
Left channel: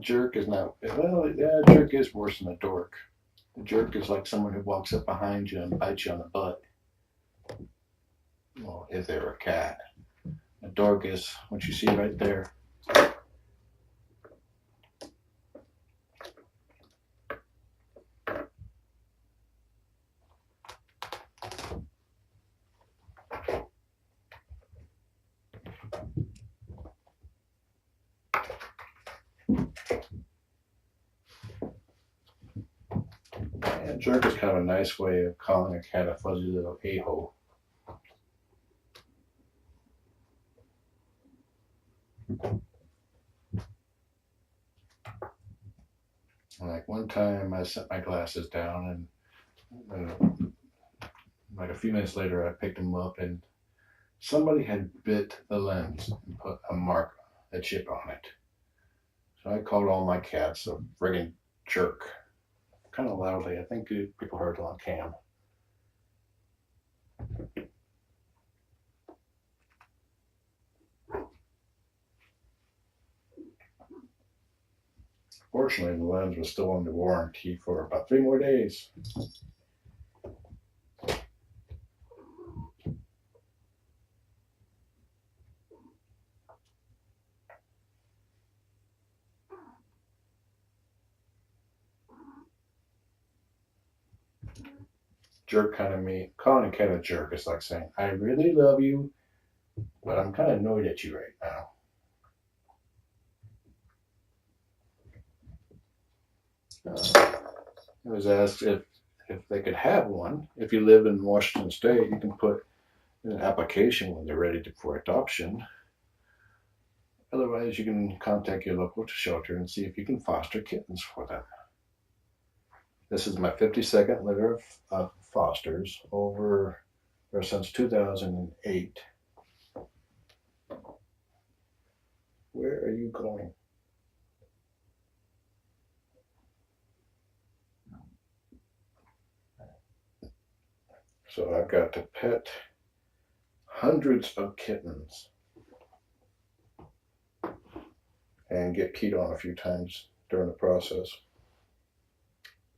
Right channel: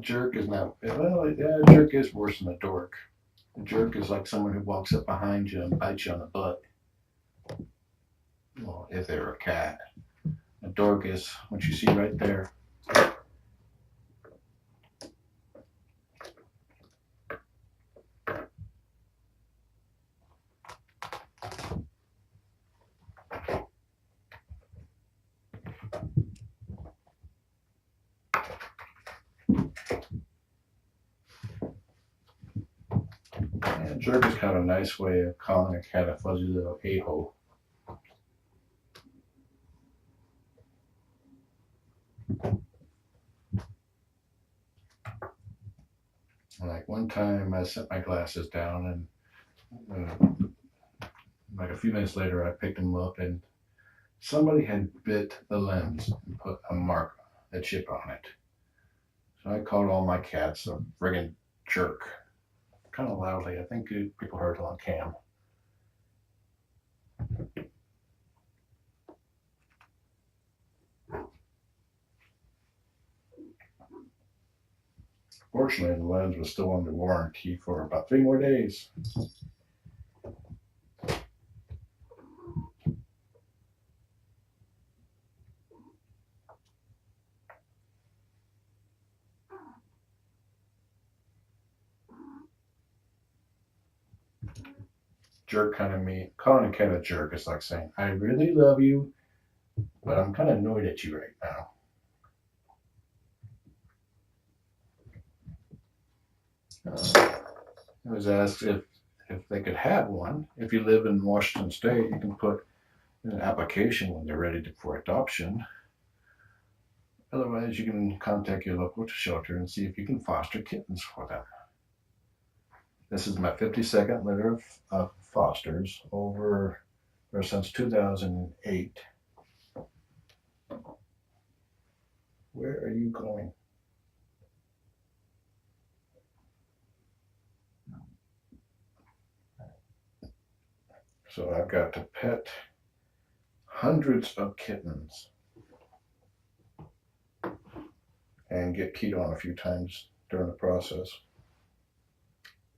Jerk is not. Well, yeah, jerk is worse than a dork. A jerk is like someone who walks up behind you and bites you on the butt. Well, if they're a cat. A dork is what you see right there. And jerk is kind of a nice way of calling a cat a fuzzy little a-hole. Like one time I set my glasses down and like a few minutes later I picked them up and somebody had bit the lens and put a mark, a chip on it. So I called all my cats a friggin' jerk. Kind of loudly. I think people heard it on cam. Fortunately, the lens was still under warranty for about 3 more days. Jerk kind of me. Calling a cat a jerk is like saying, I really love you, but I'm kind of annoyed at you right now. I was asked if they could have one. If you live in Washington State, you can put in an application when they're ready for adoption. Otherwise, you can contact your local shelter and see if you can foster kittens for them. This is my 52nd litter of fosters over or since 2008. Where are you going? So I've got to pet hundreds of kittens and get peed on a few times during the process.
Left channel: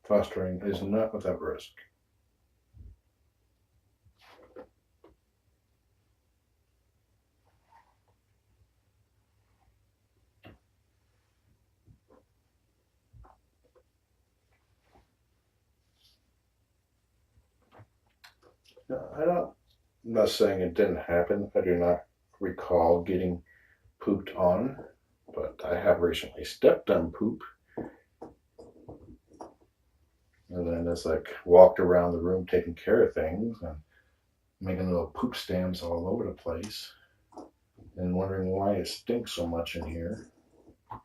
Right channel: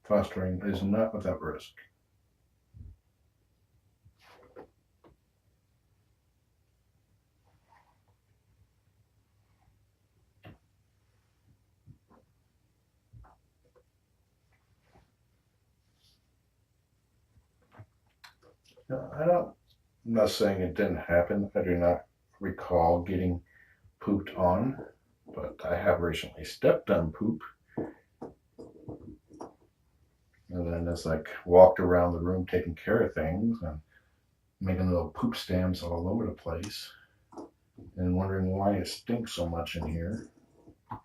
Fostering is not without risk. Now, I'm not saying it didn't happen. I do not recall getting pooped on, but I have recently stepped on poop. And then just like walked around the room taking care of things and making little poop stamps all over the place. and wondering why it stinks so much in here.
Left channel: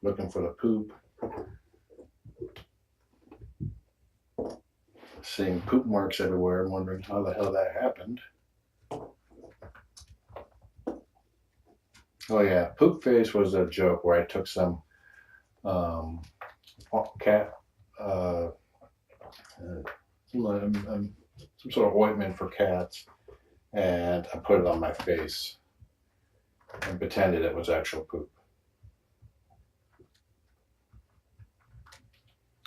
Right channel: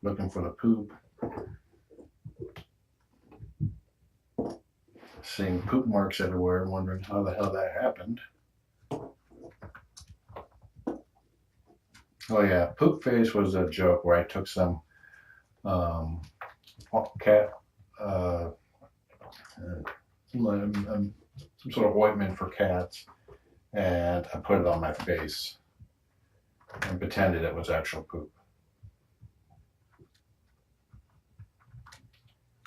Looking for the poop. Seeing poop marks everywhere and wondering how the hell that happened. Oh yeah, poop face was a joke where I took some cat some sort of ointment for cats, and I put it on my face and pretended it was actual poop.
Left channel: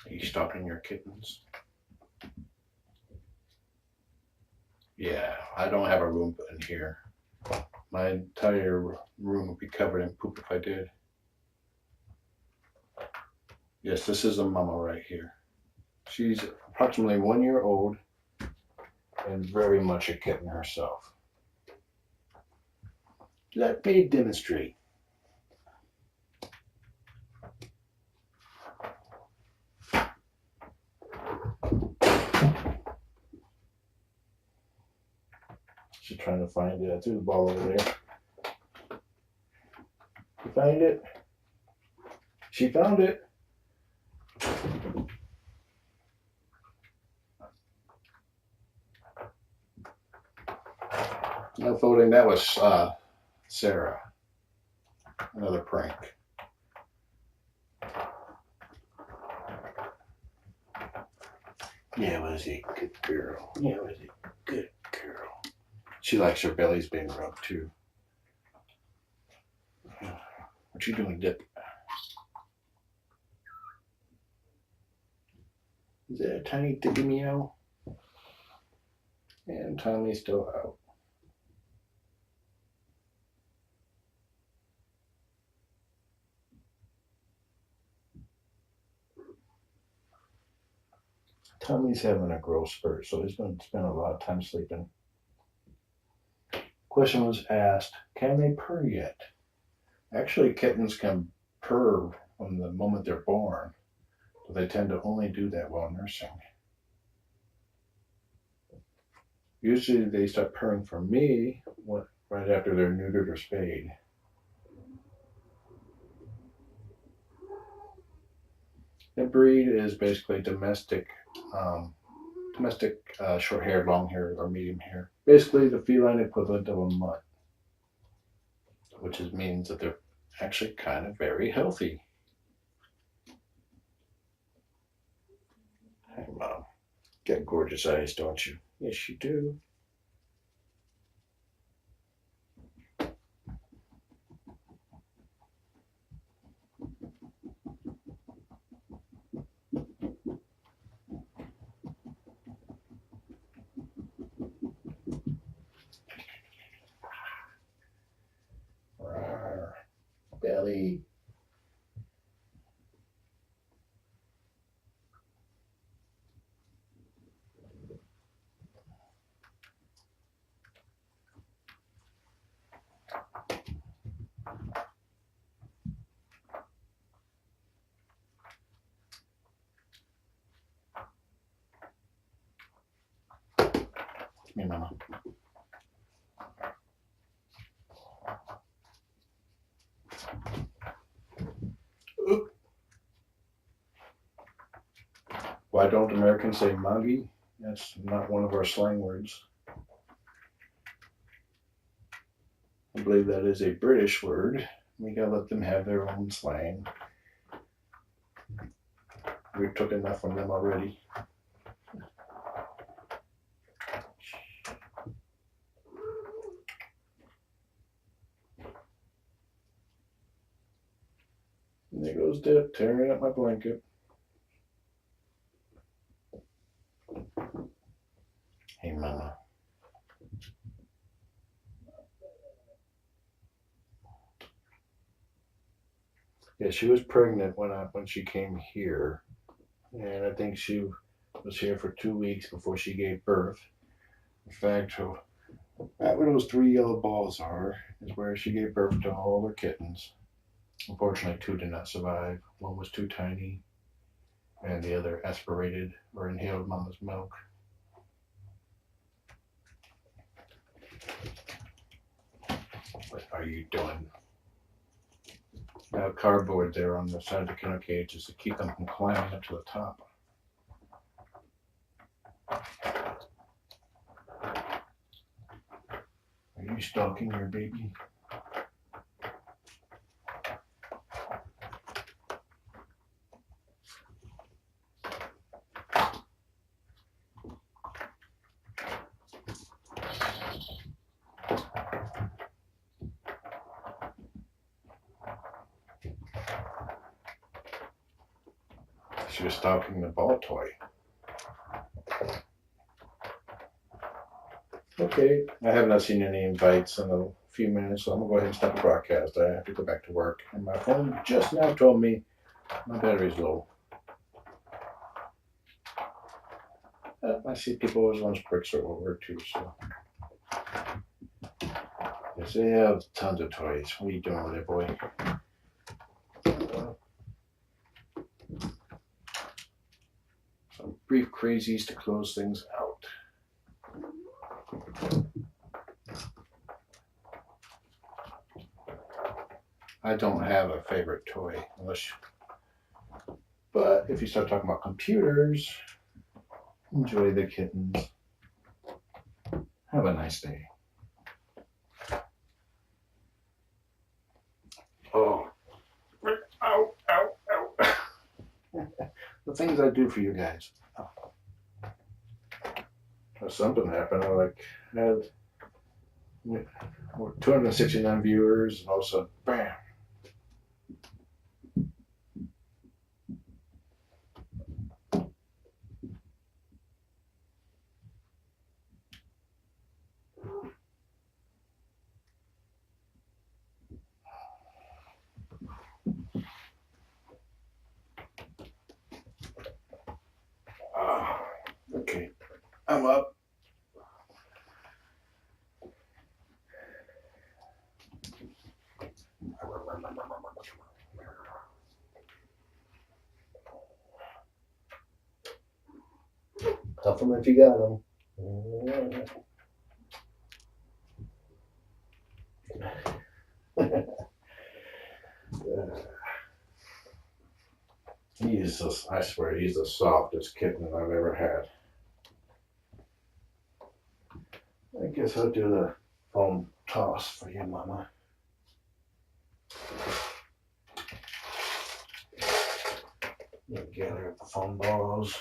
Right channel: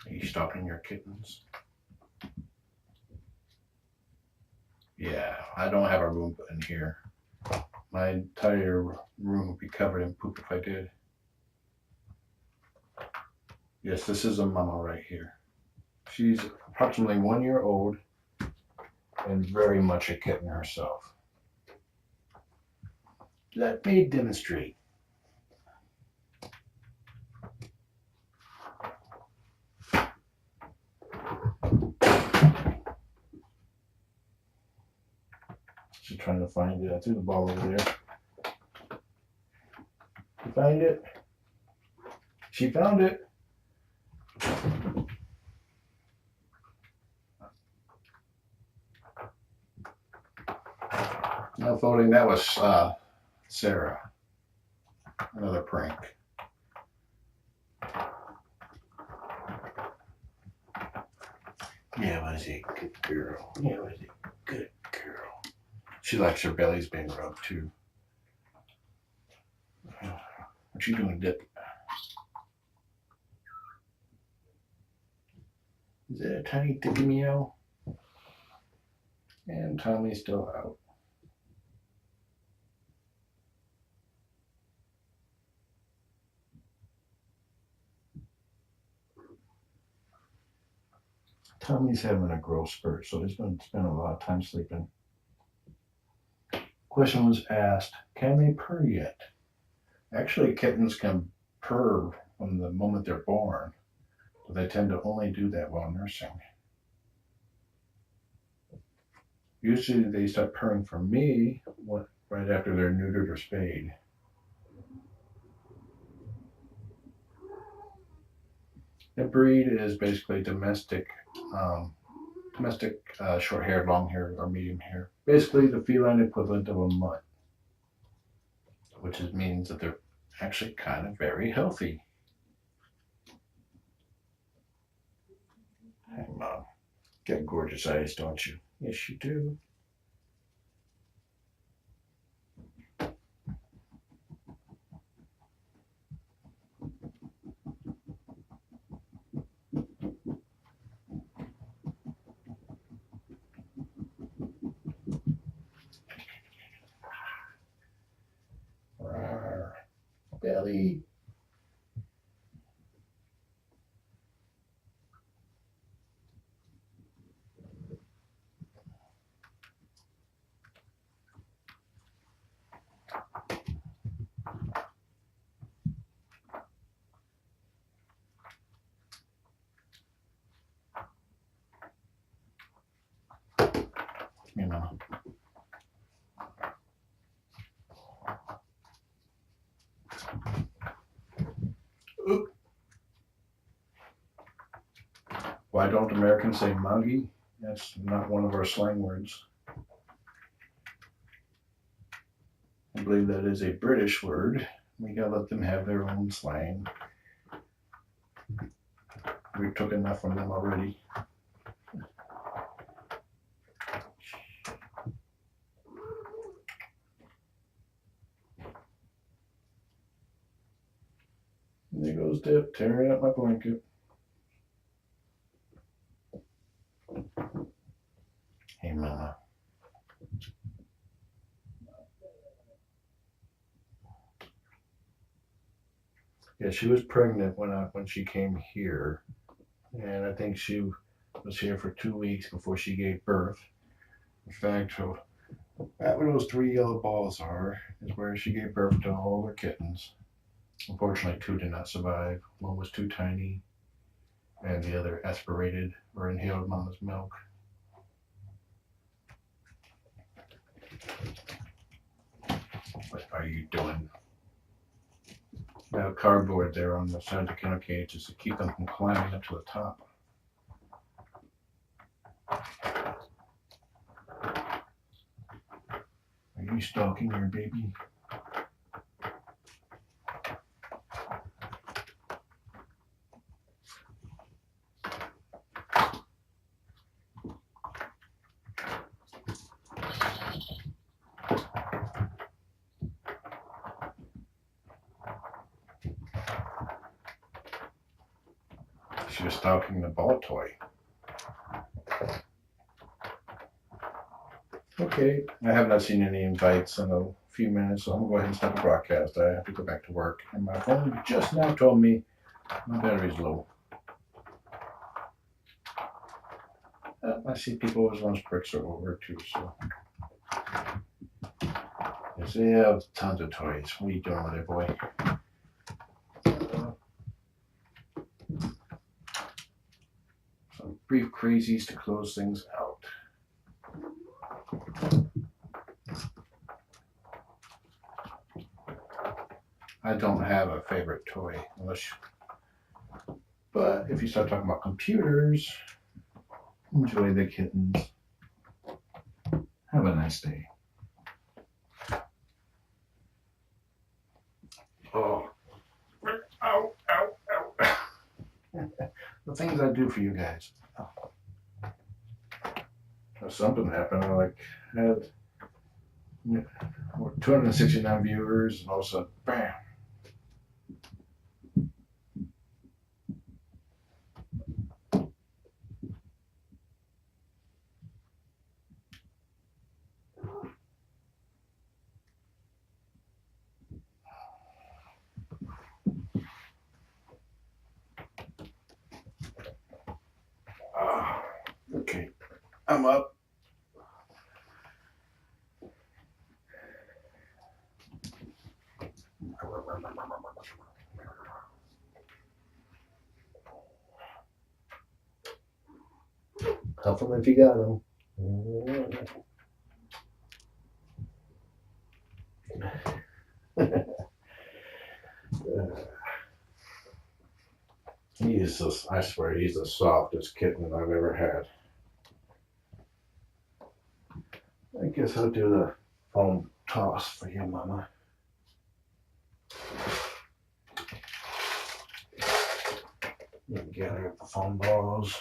Are you stalking your kittens? Yeah, I don't have a room in here. My entire room would be covered in poop if I did. Yes, this is a mama right here. She's approximately 1 year old and very much a kitten herself. Let me demonstrate. She's trying to find it. I threw the ball over there. You find it? She found it. No folding. That was Sarah. Another prank. Yeah, was a good girl. Yeah, was a good girl. She likes her bellies being rubbed too. What you doing, Dip? Is that a tiny dippy meow? And Tommy's still out. Tommy's having a growth spurt, so he's going to spend a lot of time sleeping. Question was asked, can they purr yet? Actually, kittens can purr from the moment they're born, but they tend to only do that while nursing. Usually they start purring for me right after they're neutered or spayed. The breed is basically domestic short hair, long hair, or medium hair. Basically the feline equivalent of a mutt, which means that they're actually kind of very healthy. Hey, Mom. Got gorgeous eyes, don't you? Yes, you do. Rawr. Belly. Here, Mama. Oop. Why don't Americans say muggy? That's not one of our slang words. I believe that is a British word. We gotta let them have their own slang. We took enough from them already. And there goes Dip tearing up my blanket. Hey, Mama. Yeah, she was pregnant when she came here, and I think she was here for 2 weeks before she gave birth. In fact, right where those 3 yellow balls are is where she gave birth to all her kittens. Unfortunately, 2 did not survive. One was too tiny, and the other aspirated or inhaled Mama's milk. What are you doing? Now cardboard there on the side of the kennel cages to keep them from climbing up to the top. Are you stalking your baby? She was stalking the ball toy. Okay, I have not seen any invites in a few minutes, so I'm gonna go ahead and stop the broadcast. I have to go back to work, and my phone just now told me my battery's low. I see people always want bricks or over too, so. Yes, they have tons of toys. What are you doing with it, boy? Some brief crazies to close things out. I don't have a favorite toy, but if you start talking about computers, enjoy the kittens. Have a nice day. Oh, ow, ow, ow. The things I do for you guys. Something happened. I had 269 viewers, and all of a sudden, bam. Okay, I'm up. Cuff them if you got them. I swear, he's the softest kitten I've ever had. I guess I'll do the foam toss for you, Mama. You gather the foam balls.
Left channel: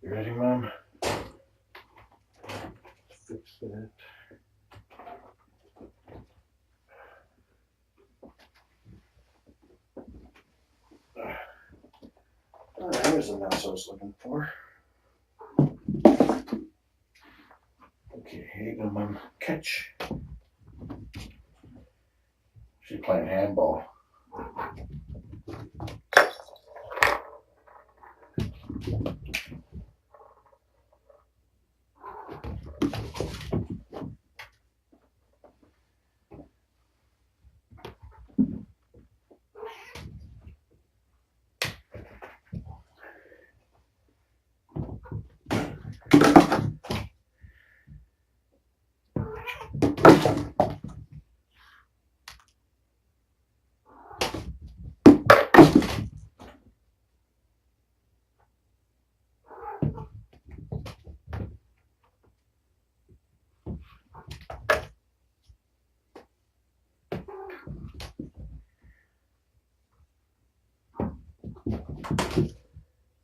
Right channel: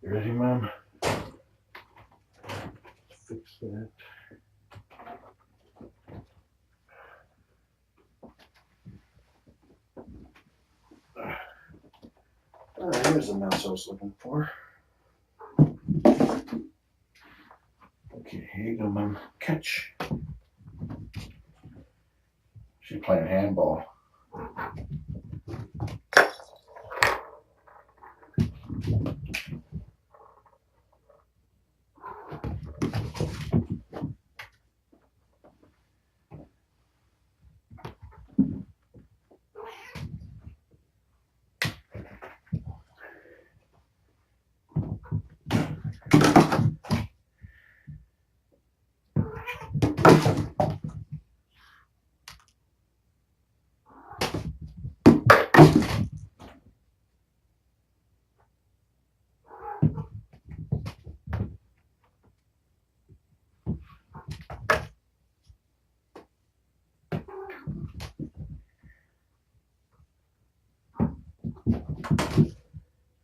You ready, Mom? Fix that. Here's the mouse I was looking for. Okay, here you go, Mom. Catch. She's playing handball.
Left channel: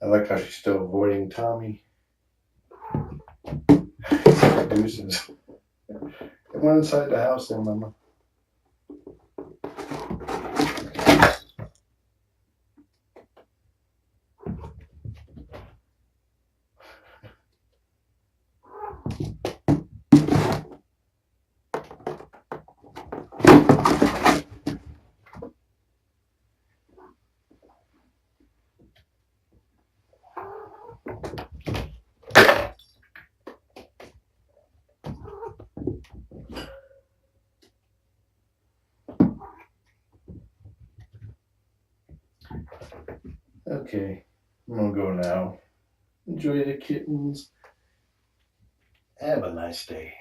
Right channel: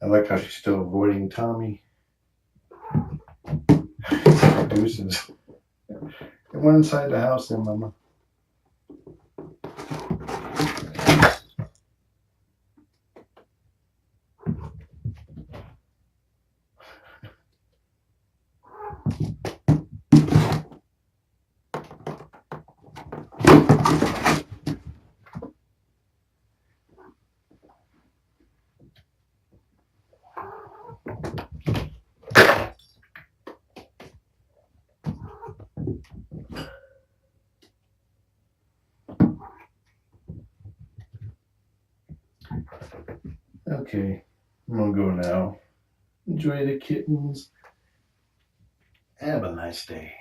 I like how she's still avoiding Tommy. Deuces. They went inside the house then, Mama. Okay, I'm gonna go now. Enjoy the kittens. Have a nice day.